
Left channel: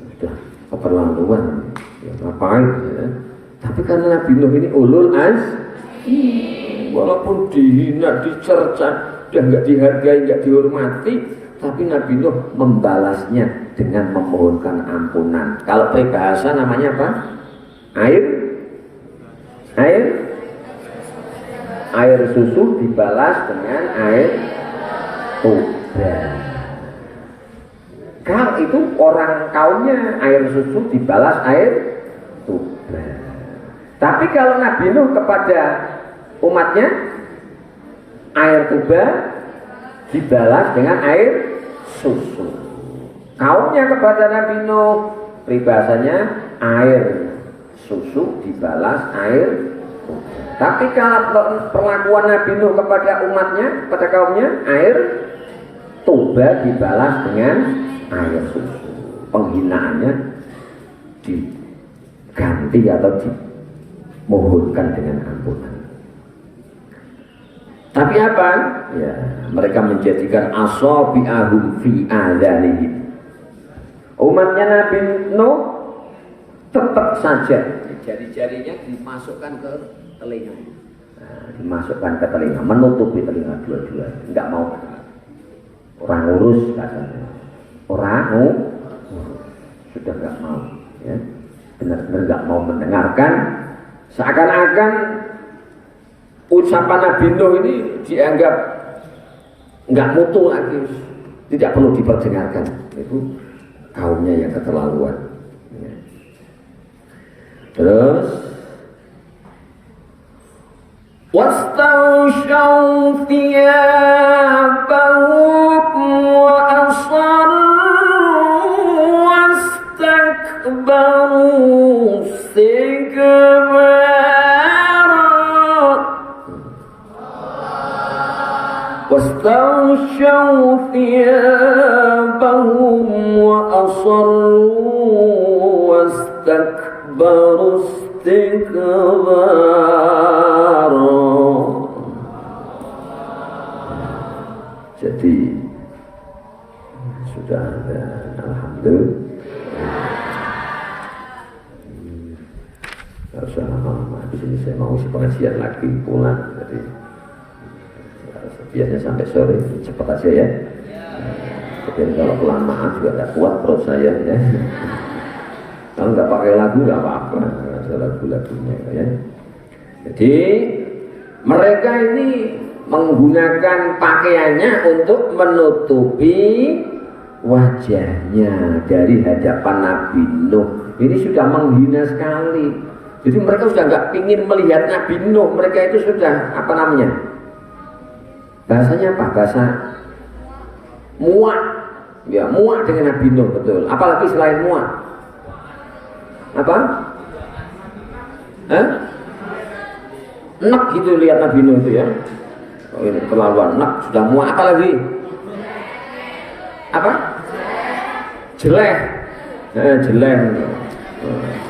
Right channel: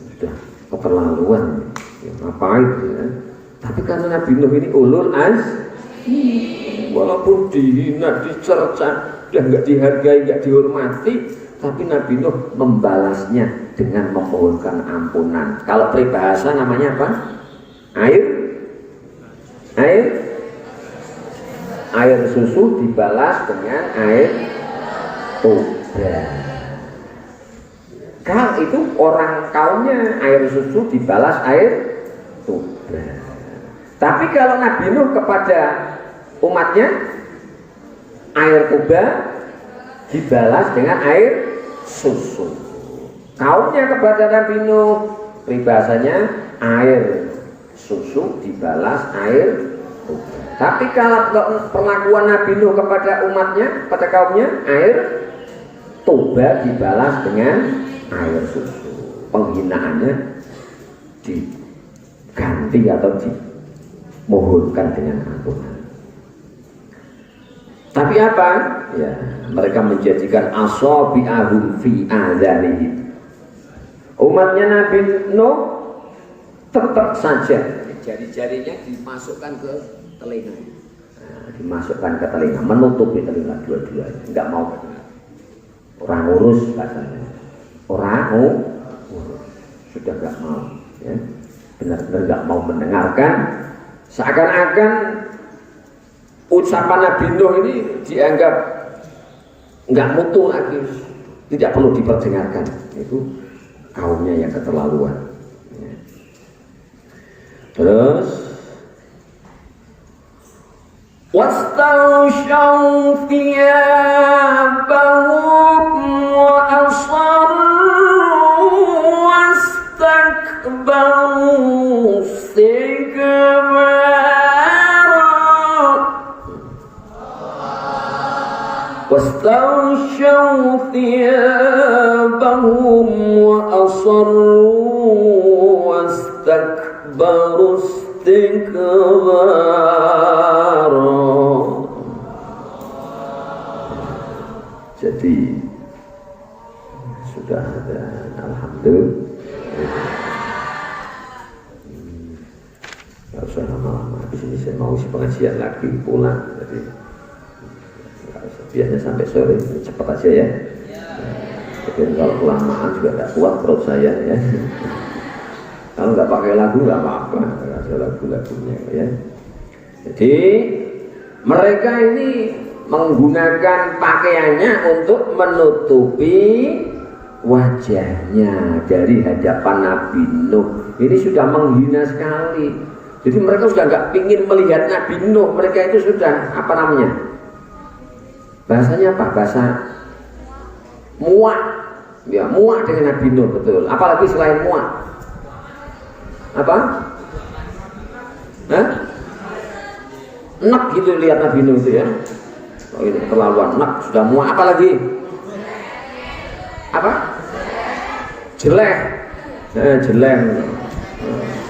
Sudah keterlaluan, ya, ngapain? Ya. Tapi karena Nabi Nuh ini ulul azmi. Walaupun dihina, dicerca, dan nggak dihargai, nggak dihormati, tapi Nabi Nuh membalasnya dengan memohonkan ampunan. Kalau peribahasa namanya apa? Air susu dibalas dengan air tuba. Kalau itu orang kaumnya air susu dibalas air tuba. Tapi kalau Nabi Nuh kepada umatnya air tuba dibalas dengan air susu. Kaumnya kepada Nabi Nuh peribahasanya air susu dibalas air tuba. Tapi kalau perlakuan Nabi Nuh kepada umatnya, pada kaumnya air tuba dibalas dengan air susu. Penghinaannya diganti atau dimohonkan dengan ampunan. Tapi apa? Ya, mereka menjadikan asabi'ahum fi adhanihim. Umatnya Nabi Nuh tetap saja jari-jarinya dimasukkan ke telinga. Nah, dimasukkan ke telinga, menutupi telinga dua-dua, enggak mau mendengar. Orang urus katanya. Orang sudah enggak mau, ya. Benar-benar enggak mau mendengarkan. Seakan-akan ucapan Nabi Nuh ini dianggap nggak mutu lagi, tidak perlu diperdengarkan. Itu kaumnya yang keterlaluan. Ya. Terus wastawshaw thiyabahum wa asarru wastakbaru istikbara. واستغشوا ثيابهم وأصروا واستكبروا استكبارا. Jadi sudah ada, alhamdulillah. Tidak usah lama-lama. Habis ini saya mau pengajian lagi pulang. Jadi biasanya sampai sore, cepat aja ya. Tapi kalau kelamaan juga tidak kuat perut saya ya. Kalau nggak pakai lagu nggak apa-apa, nggak ada lagu-lagunya ya. Jadi mereka ini menggunakan pakaiannya untuk menutupi wajahnya dari hadapan Nabi Nuh. Ini sudah menghina sekali. Jadi mereka sudah nggak ingin melihat Nabi Nuh. Mereka itu sudah apa namanya? Bahasanya apa? Bahasa muak. Ya, muak dengan Nabi Nuh, betul. Apalagi selain muak? Apa? Hah? Nek gitu lihat Nabi Nuh itu ya. Oh, ini terlaluan, nek sudah muak. Apalagi? Apa? Jelek. Jelek.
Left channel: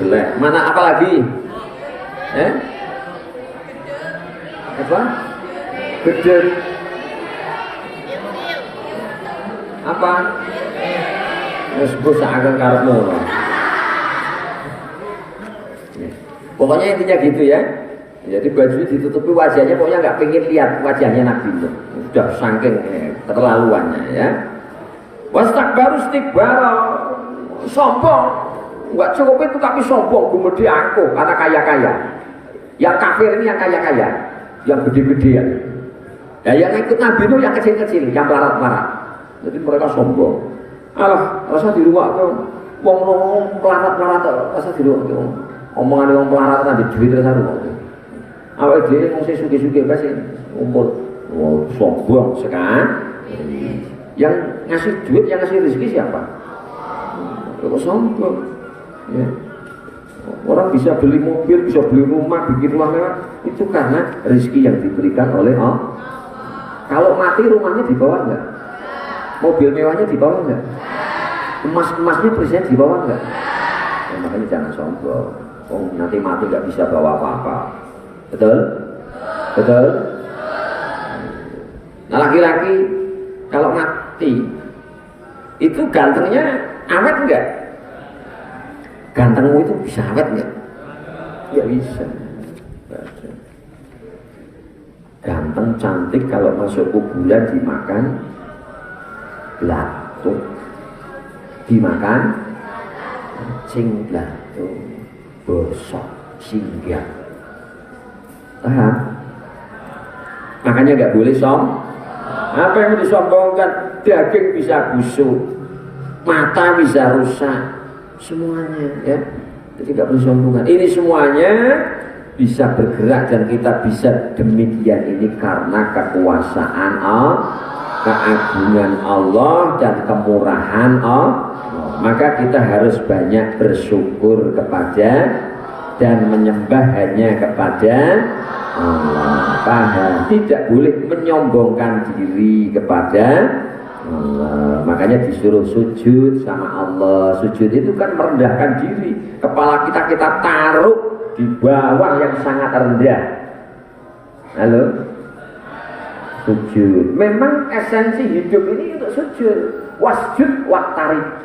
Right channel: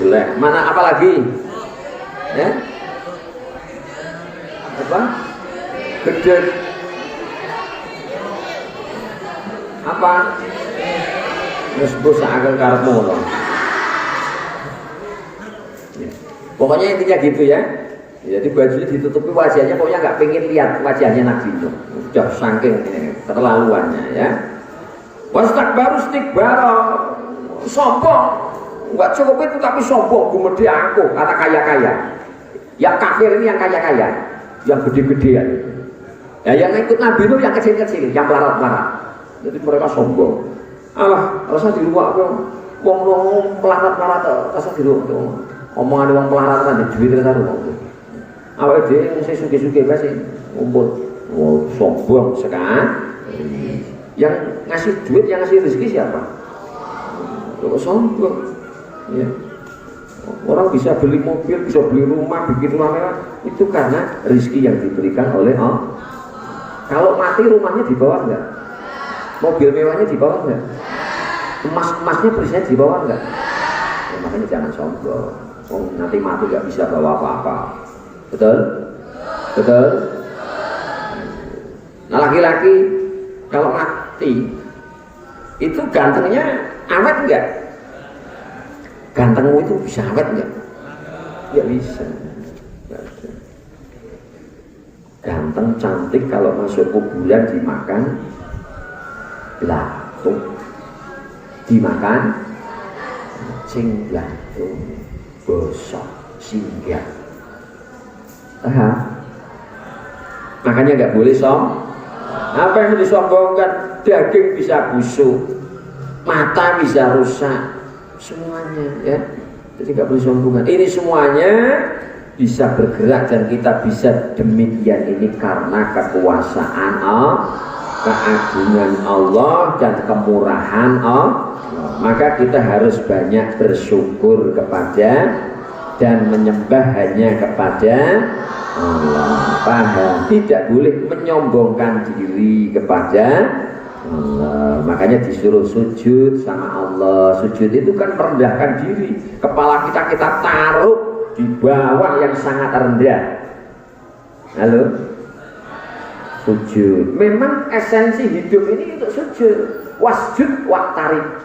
Jelek. Mana apalagi? Apa? Gede. Apa? Mesbus akan karepmu. Pokoknya intinya gitu ya. Jadi bajunya ditutupi wajahnya, pokoknya nggak pengen lihat wajahnya Nabi Nuh. Sudah saking keterlaluannya ya. Wastakbaru istikbara, sombong. Nggak cukup itu tapi sombong, gumede aku, kata kaya-kaya. Yang kafir ini yang kaya-kaya, yang gede-gedean. Ya, yang ikut Nabi Nuh yang kecil-kecil, yang melarat-melarat. Jadi mereka sombong. Alah, rasa di rumah aku, wong melarat-melarat, rasa di rumah aku. Omongan wong melarat nanti duit terus. Awak dhewe wong sing sugih-sugih pasti umpul. Oh, sombong sekali. Yang ngasih duit, yang ngasih rezeki siapa? Kok sombong? Ya. Orang bisa beli mobil, bisa beli rumah, bikin rumah mewah, itu karena rezeki yang diberikan oleh Allah. Kalau mati rumahnya di bawah enggak? Mobil mewahnya di bawah enggak? Emas-emasnya presiden di bawah enggak? Ya, makanya jangan sombong. Oh, nanti mati nggak bisa bawa apa-apa. Betul? Betul? Nah, laki-laki kalau mati itu gantengnya awet enggak? Gantengmu itu bisa awet enggak? Enggak bisa. Ganteng cantik kalau masuk kuburan dimakan belatung, dimakan cing belatung, bosok singgah. Makanya nggak boleh apa yang disombongkan? Daging bisa busuk, mata bisa rusak, semuanya ya. Jadi nggak boleh sombongan. Ini semuanya bisa bergerak dan kita bisa demikian ini karena kekuasaan Allah, keagungan Allah dan kemurahan Allah. Maka kita harus banyak bersyukur kepada dan menyembah hanya kepada Allah. Paham? Tidak boleh menyombongkan diri kepada Allah. Makanya disuruh sujud sama Allah. Sujud itu kan merendahkan diri. Kepala kita taruh di bawah yang sangat rendah. Halo? Sujud. Memang esensi hidup ini untuk sujud. Wasjud waqtarib.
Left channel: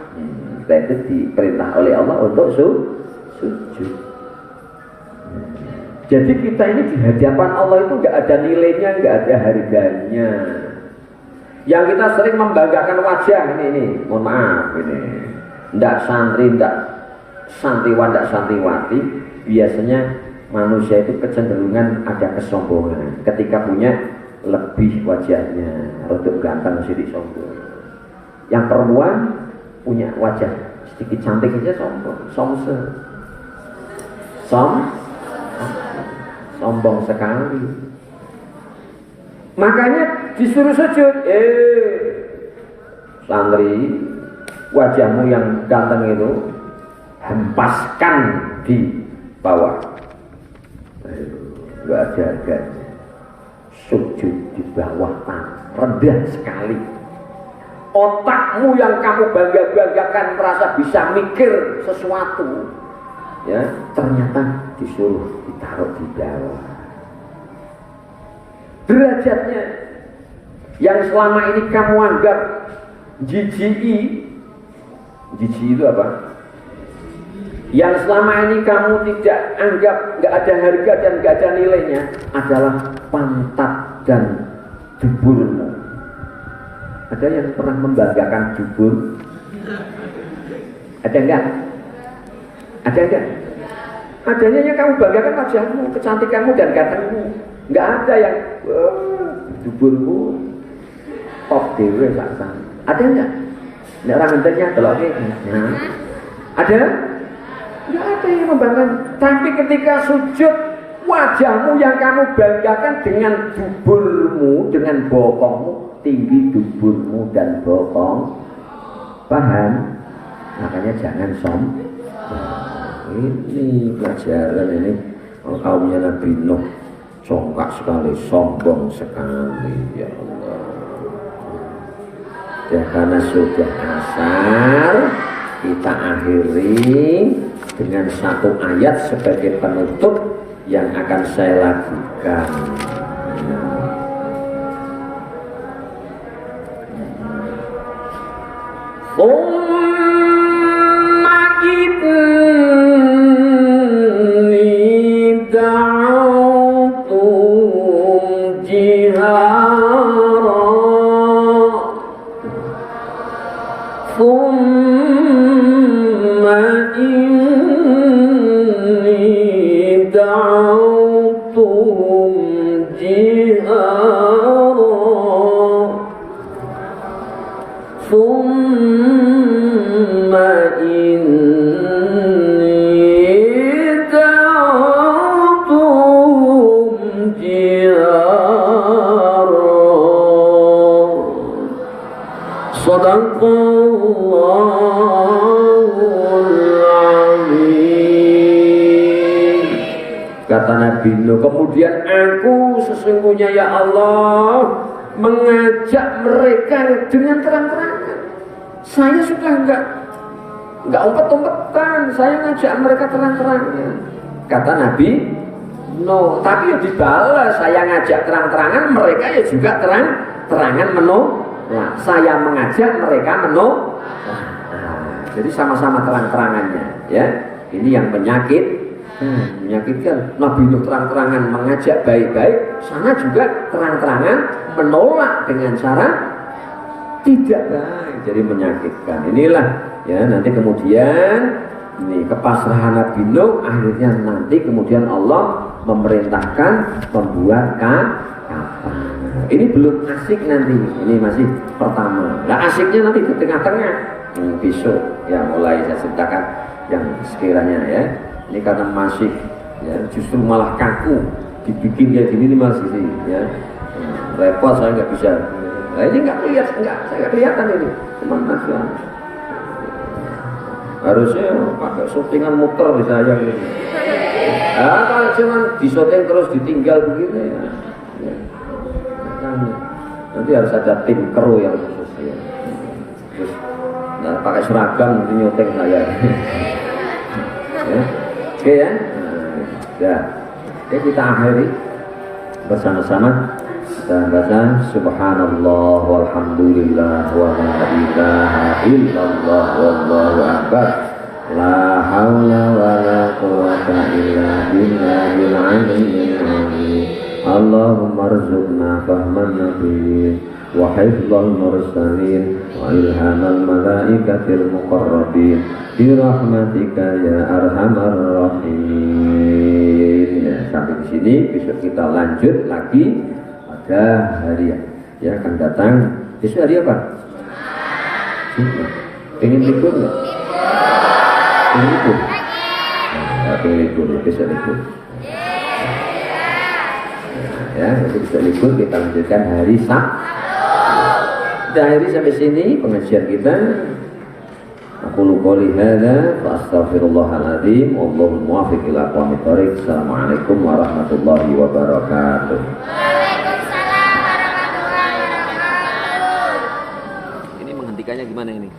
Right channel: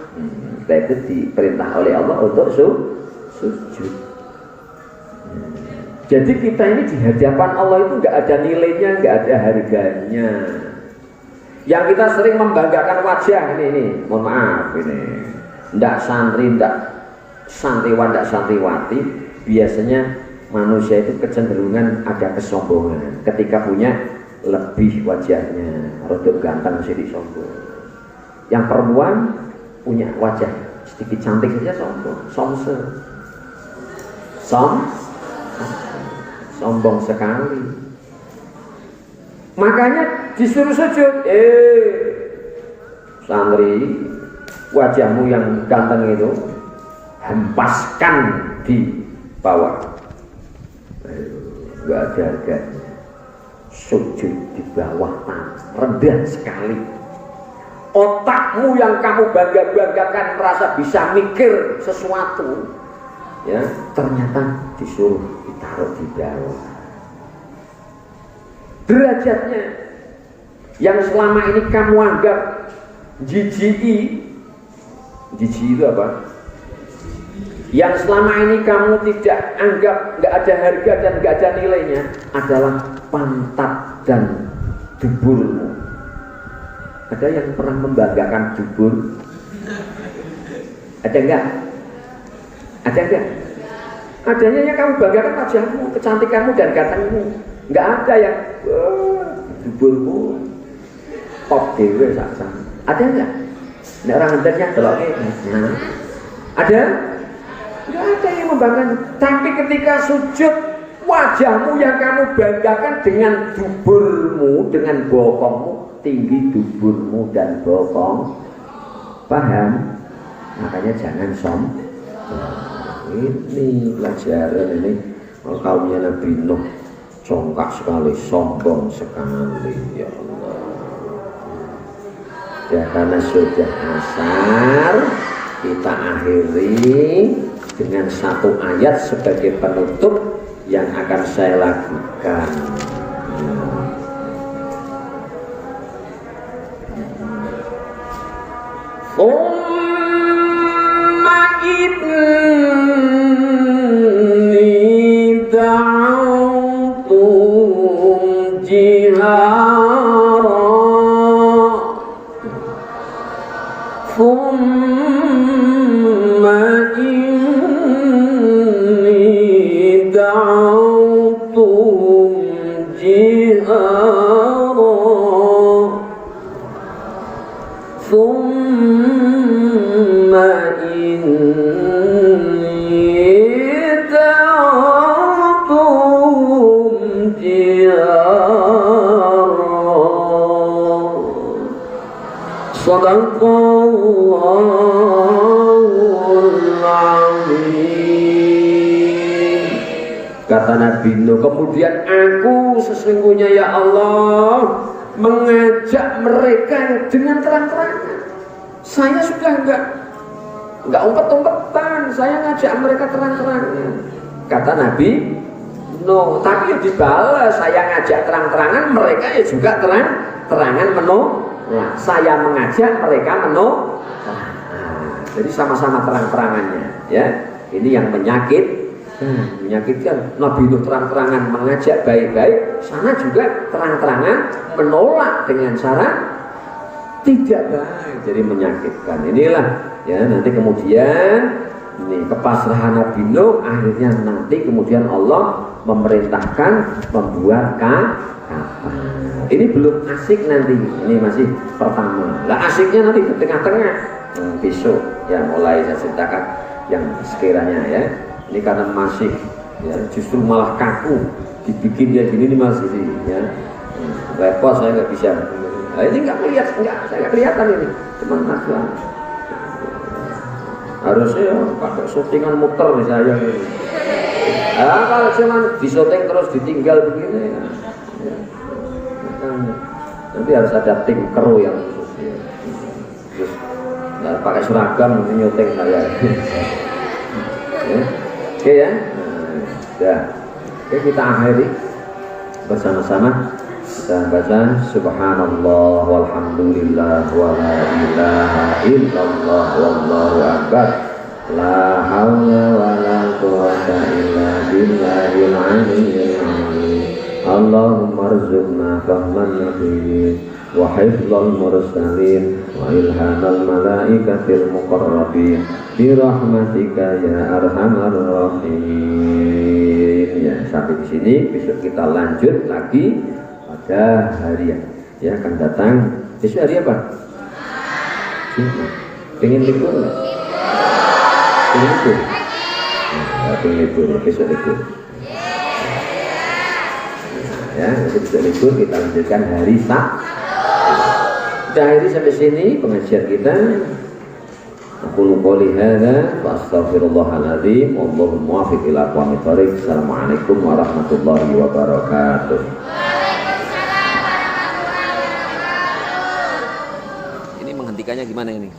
Itu diperintah oleh Allah untuk sujud. Jadi kita ini di hadapan Allah itu nggak ada nilainya, nggak ada harganya. Yang kita sering membanggakan wajah ini, mohon maaf ini, ndak santri, ndak santriwan, ndak santriwati. Biasanya manusia itu kecenderungan ada kesombongan. Ketika punya lebih wajahnya, rodok ganteng sedikit sombong. Yang perempuan punya wajah sedikit cantik saja sombong, sombong sekali. Makanya disuruh sujud. Santri, wajahmu yang ganteng itu hempaskan di bawah. Enggak ada harganya. Sujud di bawah rendah sekali. Otakmu yang kamu bangga-banggakan merasa bisa mikir sesuatu, ya ternyata disuruh ditaruh di bawah. Derajatnya yang selama ini kamu anggap jijik itu apa? Yang selama ini kamu tidak anggap nggak ada harga dan nggak ada nilainya adalah pantat dan duburmu. Ada yang pernah membanggakan dubur? Ada enggak? Ada enggak? Adanya yang kamu banggakan wajahmu, kecantikanmu dan gantengmu. Enggak ada yang duburmu top dewe saksa. Ada enggak? Nek orang ngenternya beloknya. Nah. Ada? Enggak ada yang membanggakan. Tapi ketika sujud, wajahmu yang kamu banggakan dengan duburmu, dengan bokongmu, tinggi duburmu dan bokong. Paham? Makanya jangan sombong. Ini pelajaran ini kaumnya Nabi Nuh congkak sekali, sombong sekali, ya Allah. Ya karena sudah asar, kita akhiri dengan satu ayat sebagai penutup yang akan saya lakukan. Kata Nabi Nuh, kemudian aku sesungguhnya ya Allah mengajak mereka dengan terang-terangan. Saya sudah enggak umpet-umpetan, saya ngajak mereka terang-terangan. Kata Nabi Nuh, tapi yang dibalas saya ngajak terang-terangan, mereka ya juga terang-terangan menolak. Nah, saya mengajak mereka menolak. Jadi sama-sama terang-terangannya, ya. Ini yang menyakitkan. Nabi Nuh terang-terangan mengajak baik-baik, sana juga terang-terangan menolak dengan cara tidak baik. Jadi menyakitkan. Inilah ya nanti kemudian ini kepasrahan Nabi Nuh, akhirnya nanti kemudian Allah memerintahkan membuat kapal. Ini belum asik nanti, ini masih pertama. Lah asiknya nanti di tengah-tengah. Besok ya mulai saya ceritakan yang sekiranya ya. Ini karena masih ya justru malah kaku dibikin kayak gini nih masih ya. Repot saya nggak bisa. Nah, ini nggak saya nggak kelihatan ini. Cuma masih harusnya pakai syutingan muter misalnya ini. Nah, kalau cuma disyuting terus ditinggal begini ya. Nanti harus ada tim kru yang khusus ya. Terus nah, pakai seragam nanti nyuting saya. Ya. Oke ya. Nah, oke kita akhiri bersama-sama kita baca subhanallah walhamdulillah wa la ilaha illallah wallahu akbar la haula wa la quwwata illa billahil aliyyil azim. Allahumma arzuqna fahman nabiyyin wa hifdzal mursalin wa ilhamal malaikatil muqarrabin bi rahmatika ya arhamar rahimin. Ya, sampai di sini, besok kita lanjut lagi pada hari yang akan datang. Besok hari apa? Pengen libur nggak? Pengen libur? Nah, pengen libur, besok libur. Ya, besok libur kita lanjutkan hari Sabtu. Kita akhiri sampai sini pengajian kita. Aku qouli hadza wa astaghfirullahaladzim. Wallahu muwaffiq ila aqwamit thoriq. Assalamualaikum warahmatullahi wabarakatuh. Ini menghentikannya gimana ini?